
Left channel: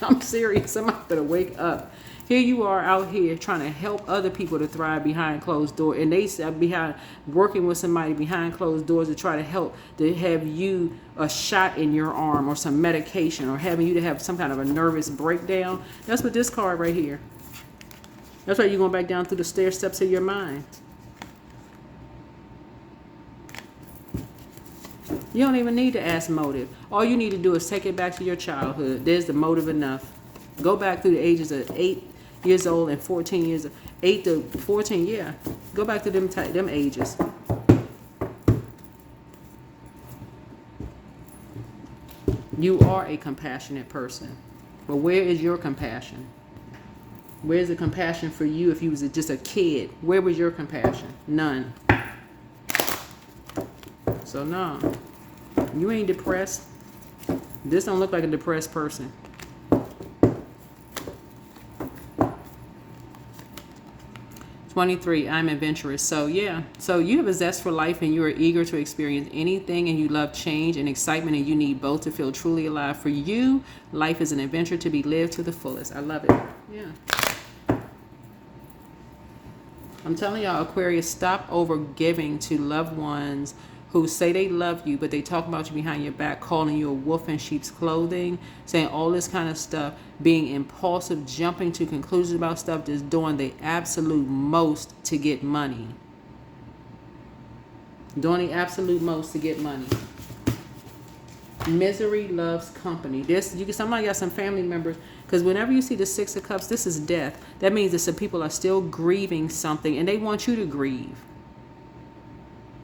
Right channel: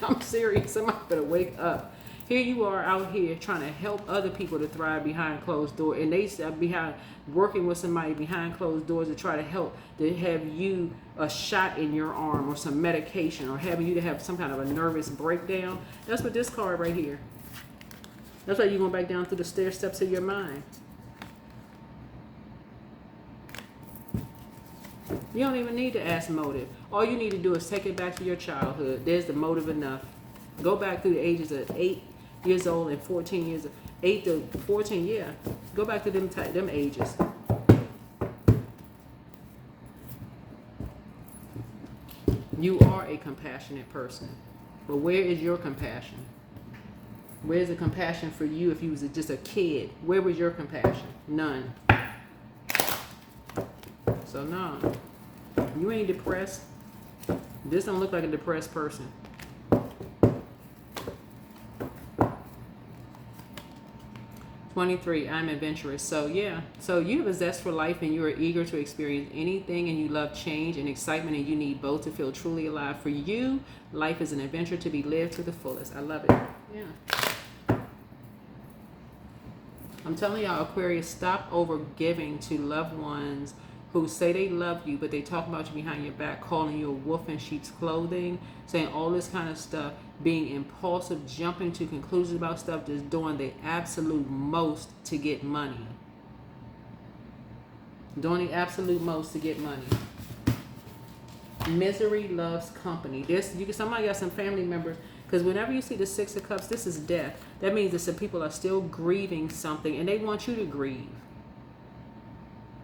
I'm serious. Somebody better wake up. Here you are out here trying to help other people to thrive behind closed doors, and they behind working with somebody behind closed doors to try to help to have you a shot in your arm or some medication or having you to have some kind of a nervous breakdown. That's what this card right here. That's why you're going back down through the stair steps of your mind. You don't even need to ask motive. All you need to do is take it back to your childhood. There's the motive enough. Go back through the ages of 8 years old and 14 years, 8 to 14, yeah. Go back to them ages. You are a compassionate person. But where is your compassion? Where's the compassion for you if you was just a kid? Where was your compassion? None. So no. You ain't depressed. This don't look like a depressed person. "23, I'm adventurous." So yeah. So you have a zest for life and you are eager to experience anything, and you love change and excitement, and you need both to feel truly alive. For you, life is an adventure to be lived to the fullest. I love it. Yeah. I'm telling y'all, Aquarius, stop over giving to loved ones who say they love you, but they talk about you behind your back, calling you a wolf in sheep's clothing, saying all this kind of stuff, being impulsive, jumping to conclusions about stuff, just doing the absolute most to get money. Doing the absolute most to get money. Misery loves company. Somebody got some family members, because whenever you see the 6 of Cups, this is death. That means that some people are still grieving something, and they want you to grieve.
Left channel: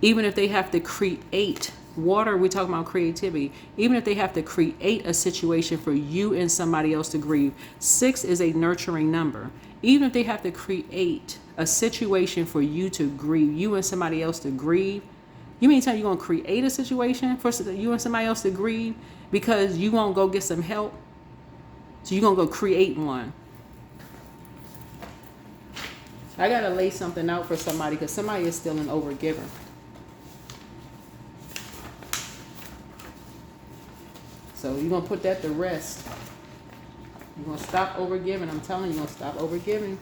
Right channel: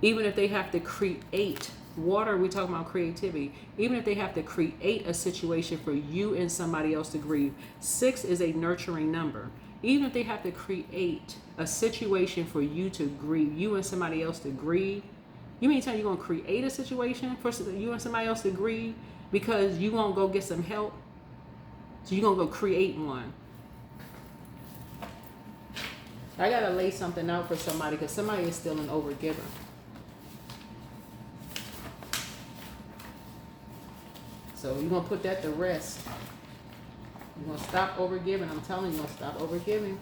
Even if they have to create Water, we talk about creativity. Even if they have to create a situation for you and somebody else to grieve. 6 is a nurturing number. Even if they have to create a situation for you to grieve, you and somebody else to grieve. You mean tell you're going to create a situation for you and somebody else to grieve because you won't go get some help? So you're going to go create one. I got to lay something out for somebody because somebody is still an overgiver. So you're going to put that to rest. You're going to stop overgiving. I'm telling you, you're going to stop overgiving.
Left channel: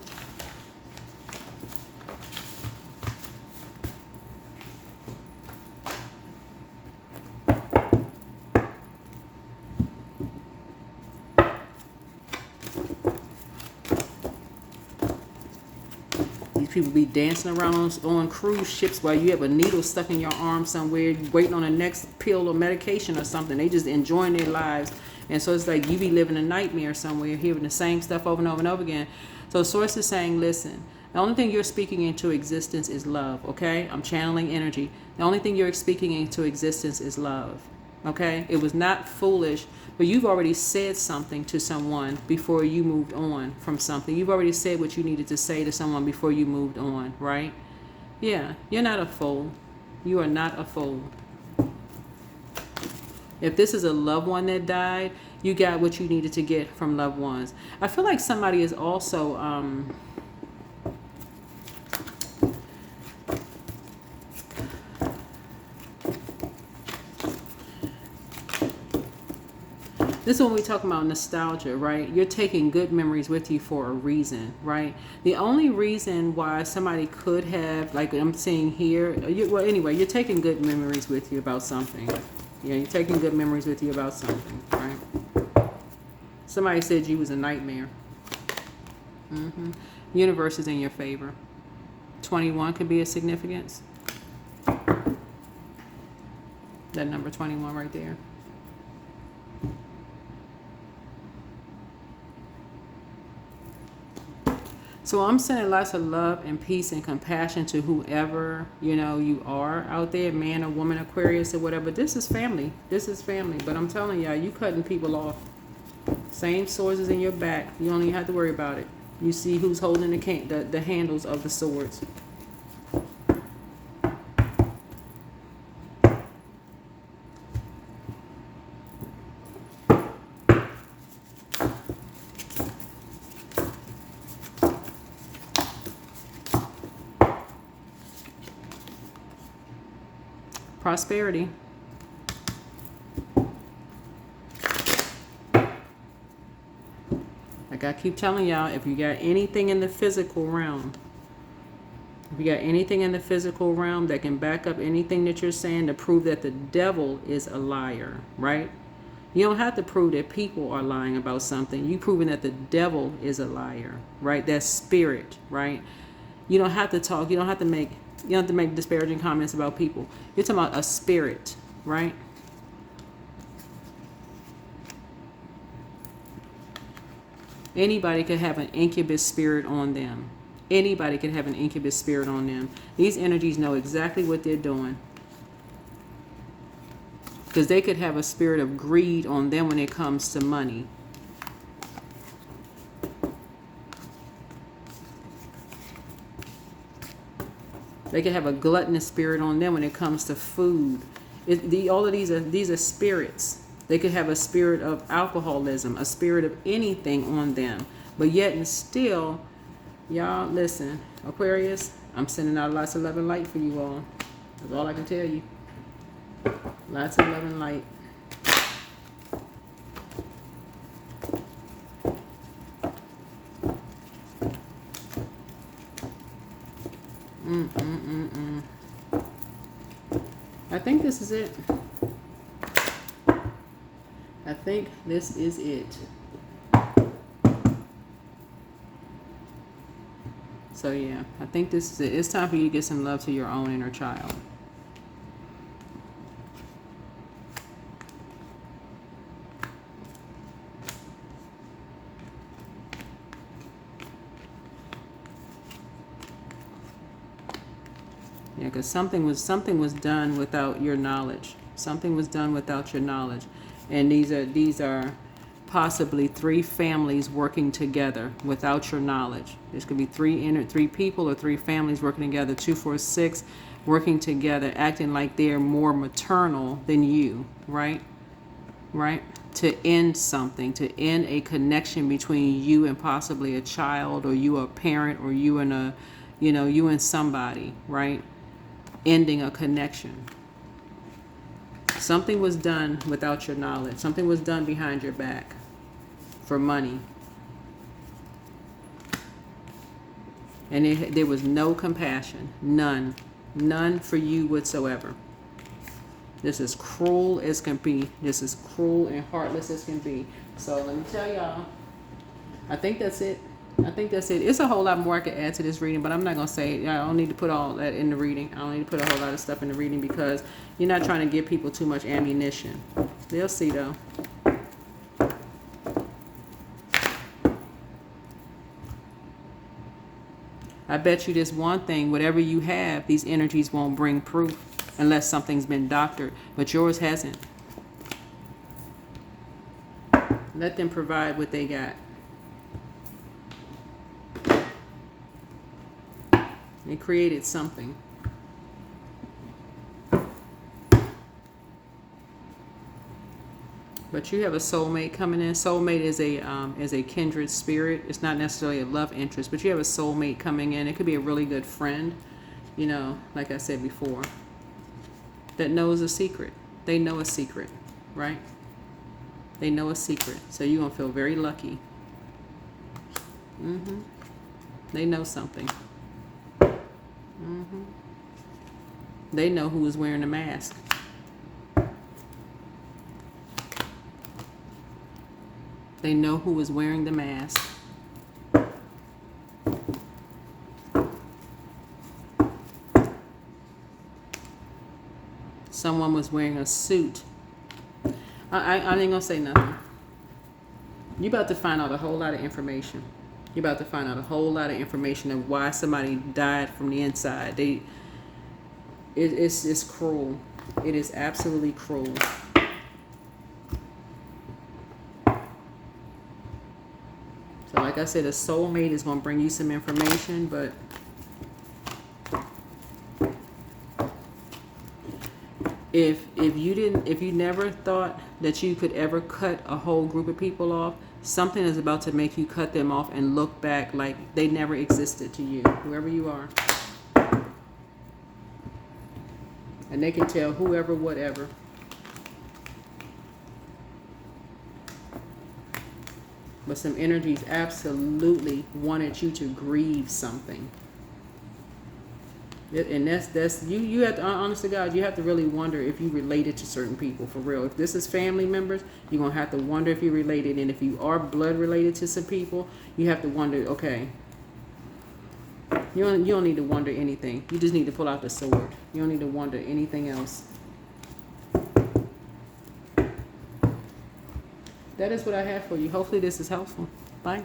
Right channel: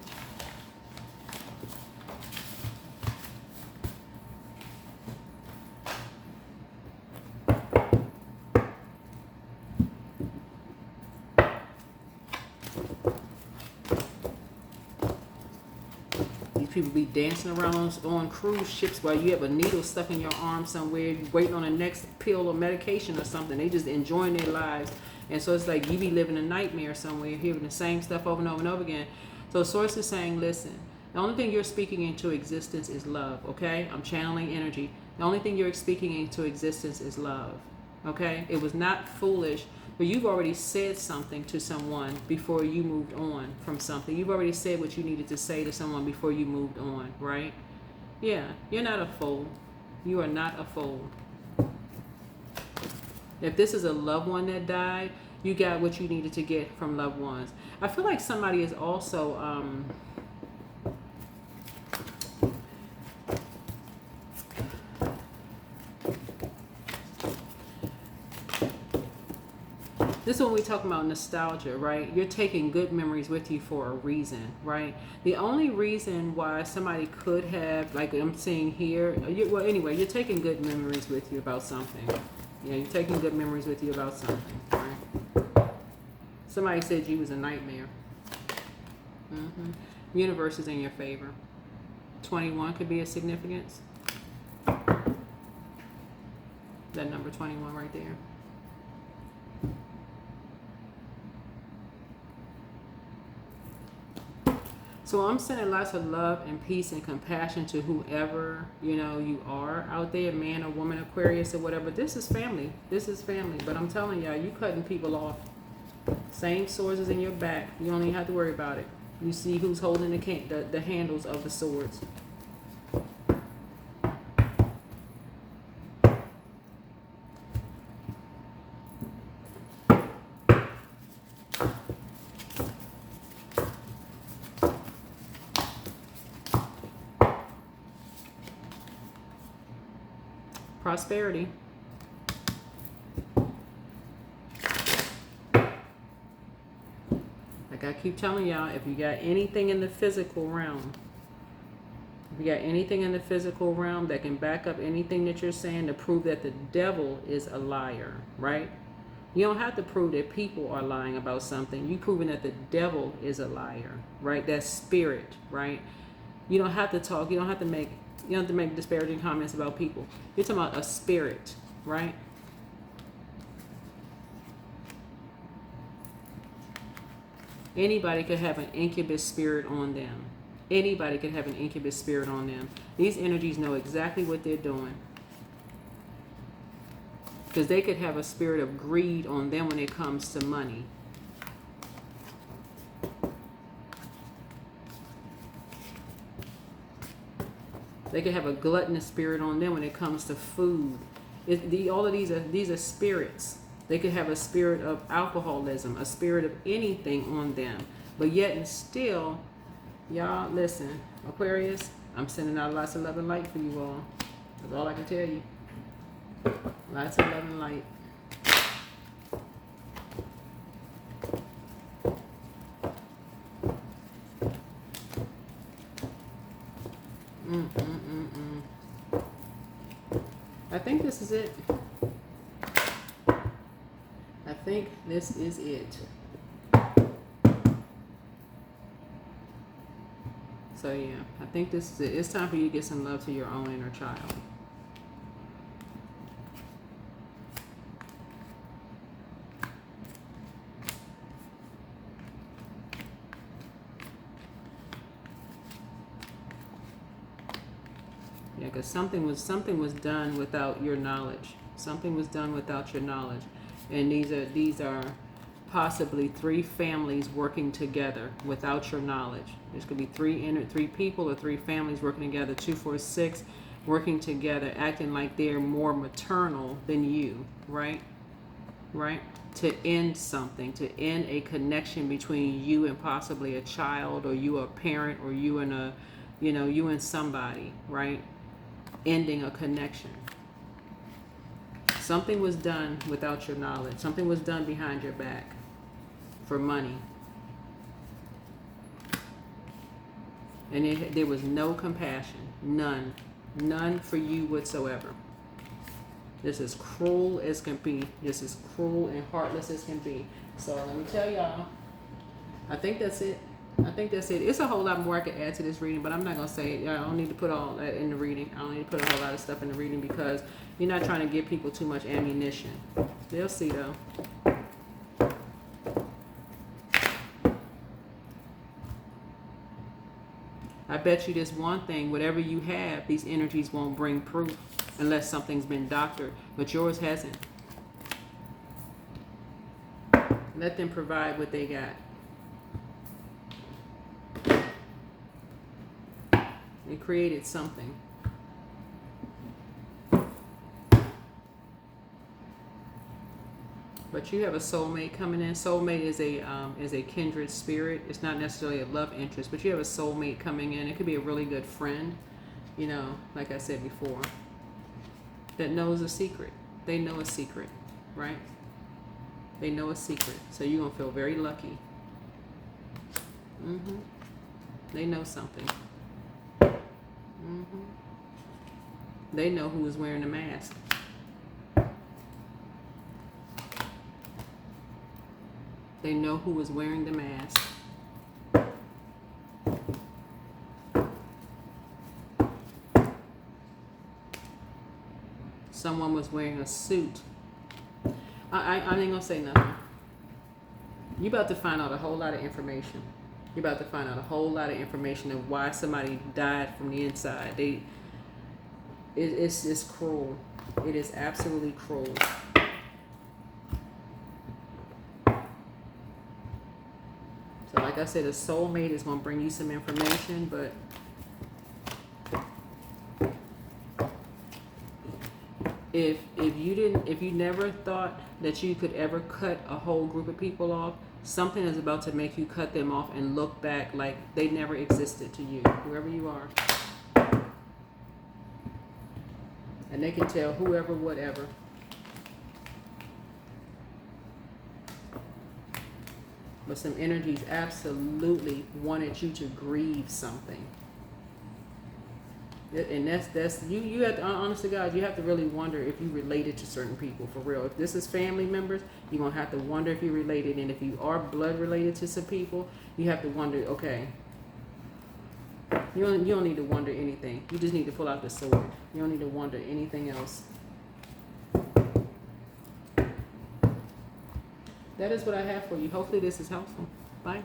People be dancing around on cruise ships while you have a needle stuck in your arm somewhere, waiting on the next pill or medication or something. They just enjoying their lives. And so it's like you be living a nightmare somewhere, hearing the same stuff over and over and over again. So Source is saying, listen, the only thing you're speaking into existence is love, okay? I'm channeling energy. The only thing you're speaking into existence is love, okay? It was not foolish, but you've already said something to someone before you moved on from something. You've already said what you needed to say to someone before you moved on, right? Yeah, you're not a fool. You are not a fool. If this is a loved one that died, you got what you needed to get from loved ones. I feel like somebody is also... This is when we talk about nostalgia, right? You're taking good memories with you for a reason, right? The only reason why somebody could have, like I'm seeing here, well, anyway, you're taking good memories with you about something. Yeah, you're taking good memories with you about something, right? Somebody said you was a nightmare. Universe is in your favor. 21 could be a significance. That number 21 right there. So I'm sending lots of love and peace and compassion to whoever, you are out there, man or woman, Aquarius or whatever. This is family. This is family. But I'm telling y'all, you cutting people off. Same swords is in your back. You don't even have to worry about it. You see who's holding the handles of the swords. Prosperity. Like I keep telling y'all, if you got anything in the physical realm, that can back up anything that you're saying to prove that the devil is a liar, right? You don't have to prove that people are lying about something. You proving that the devil is a liar, right? That's spirit, right? You don't have to talk. You don't have to make disparaging comments about people. You're talking about a spirit, right? Anybody could have an incubus spirit on them. Anybody could have an incubus spirit on them. These energies know exactly what they're doing. Because they could have a spirit of greed on them when it comes to money. They could have a gluttonous spirit on them when it comes to food. All of these are spirits. They could have a spirit of alcoholism, a spirit of anything on them. But yet and still, y'all, listen, Aquarius, I'm sending out lots of love and light for you all. That's all I can tell you. Lots of love and light. I think this is it. I think this is it. So yeah, I think this is it. It's time for you to get some love to your own inner child. Yeah, because something was done without your knowledge. Something was done without your knowledge. And these are possibly 3 families working together without your knowledge. There's could be 3 people or 3 families working together, 2, 4, 6 working together, acting like they're more maternal than you, right? Right? To end something, to end a connection between you and possibly a child, or you a parent, or you and a, you and somebody, right? Ending a connection. Something was done without your knowledge. Something was done behind your back for money. And there was no compassion. None. None for you whatsoever. This is cruel as can be. This is cruel and heartless as can be. So let me tell y'all, I think that's it. It's a whole lot more I could add to this reading, but I'm not going to say it. I don't need to put all that in the reading. I don't need to put a whole lot of stuff in the reading, because you're not trying to give people too much ammunition. They'll see, though. I bet you this one thing, whatever you have, these energies won't bring proof unless something's been doctored, but yours hasn't. Let them provide what they got. They created something. But you have a soulmate coming in. Soulmate is a kindred spirit. It's not necessarily a love interest, but you have a soulmate coming in. It could be a really good friend, like I said before, that knows a secret. They know a secret, right? They know a secret. So you're going to feel very lucky. They know something. They know who is wearing the mask. They know who is wearing the mask. Someone was wearing a suit. I ain't gonna say nothing. You're about to find out a whole lot of information. You're about to find out a whole lot of information of why somebody died from the inside. It's cruel. It is absolutely cruel. So like I said, a soulmate is going to bring you some information, but if you never thought that you could ever cut a whole group of people off, something is about to make you cut them off and look back like they never existed to you, whoever you are. And they can tell whoever, whatever. But some energies absolutely wanted you to grieve something. And that's you have to, honest to God, you have to really wonder if you related to certain people, for real. If this is family members, you're going to have to wonder if you related. And if you are blood related to some people, you have to wonder, okay, you don't need to wonder anything. You just need to pull out the sword. You don't need to wonder anything else. That is what I have for you. Hopefully this is helpful. Bye.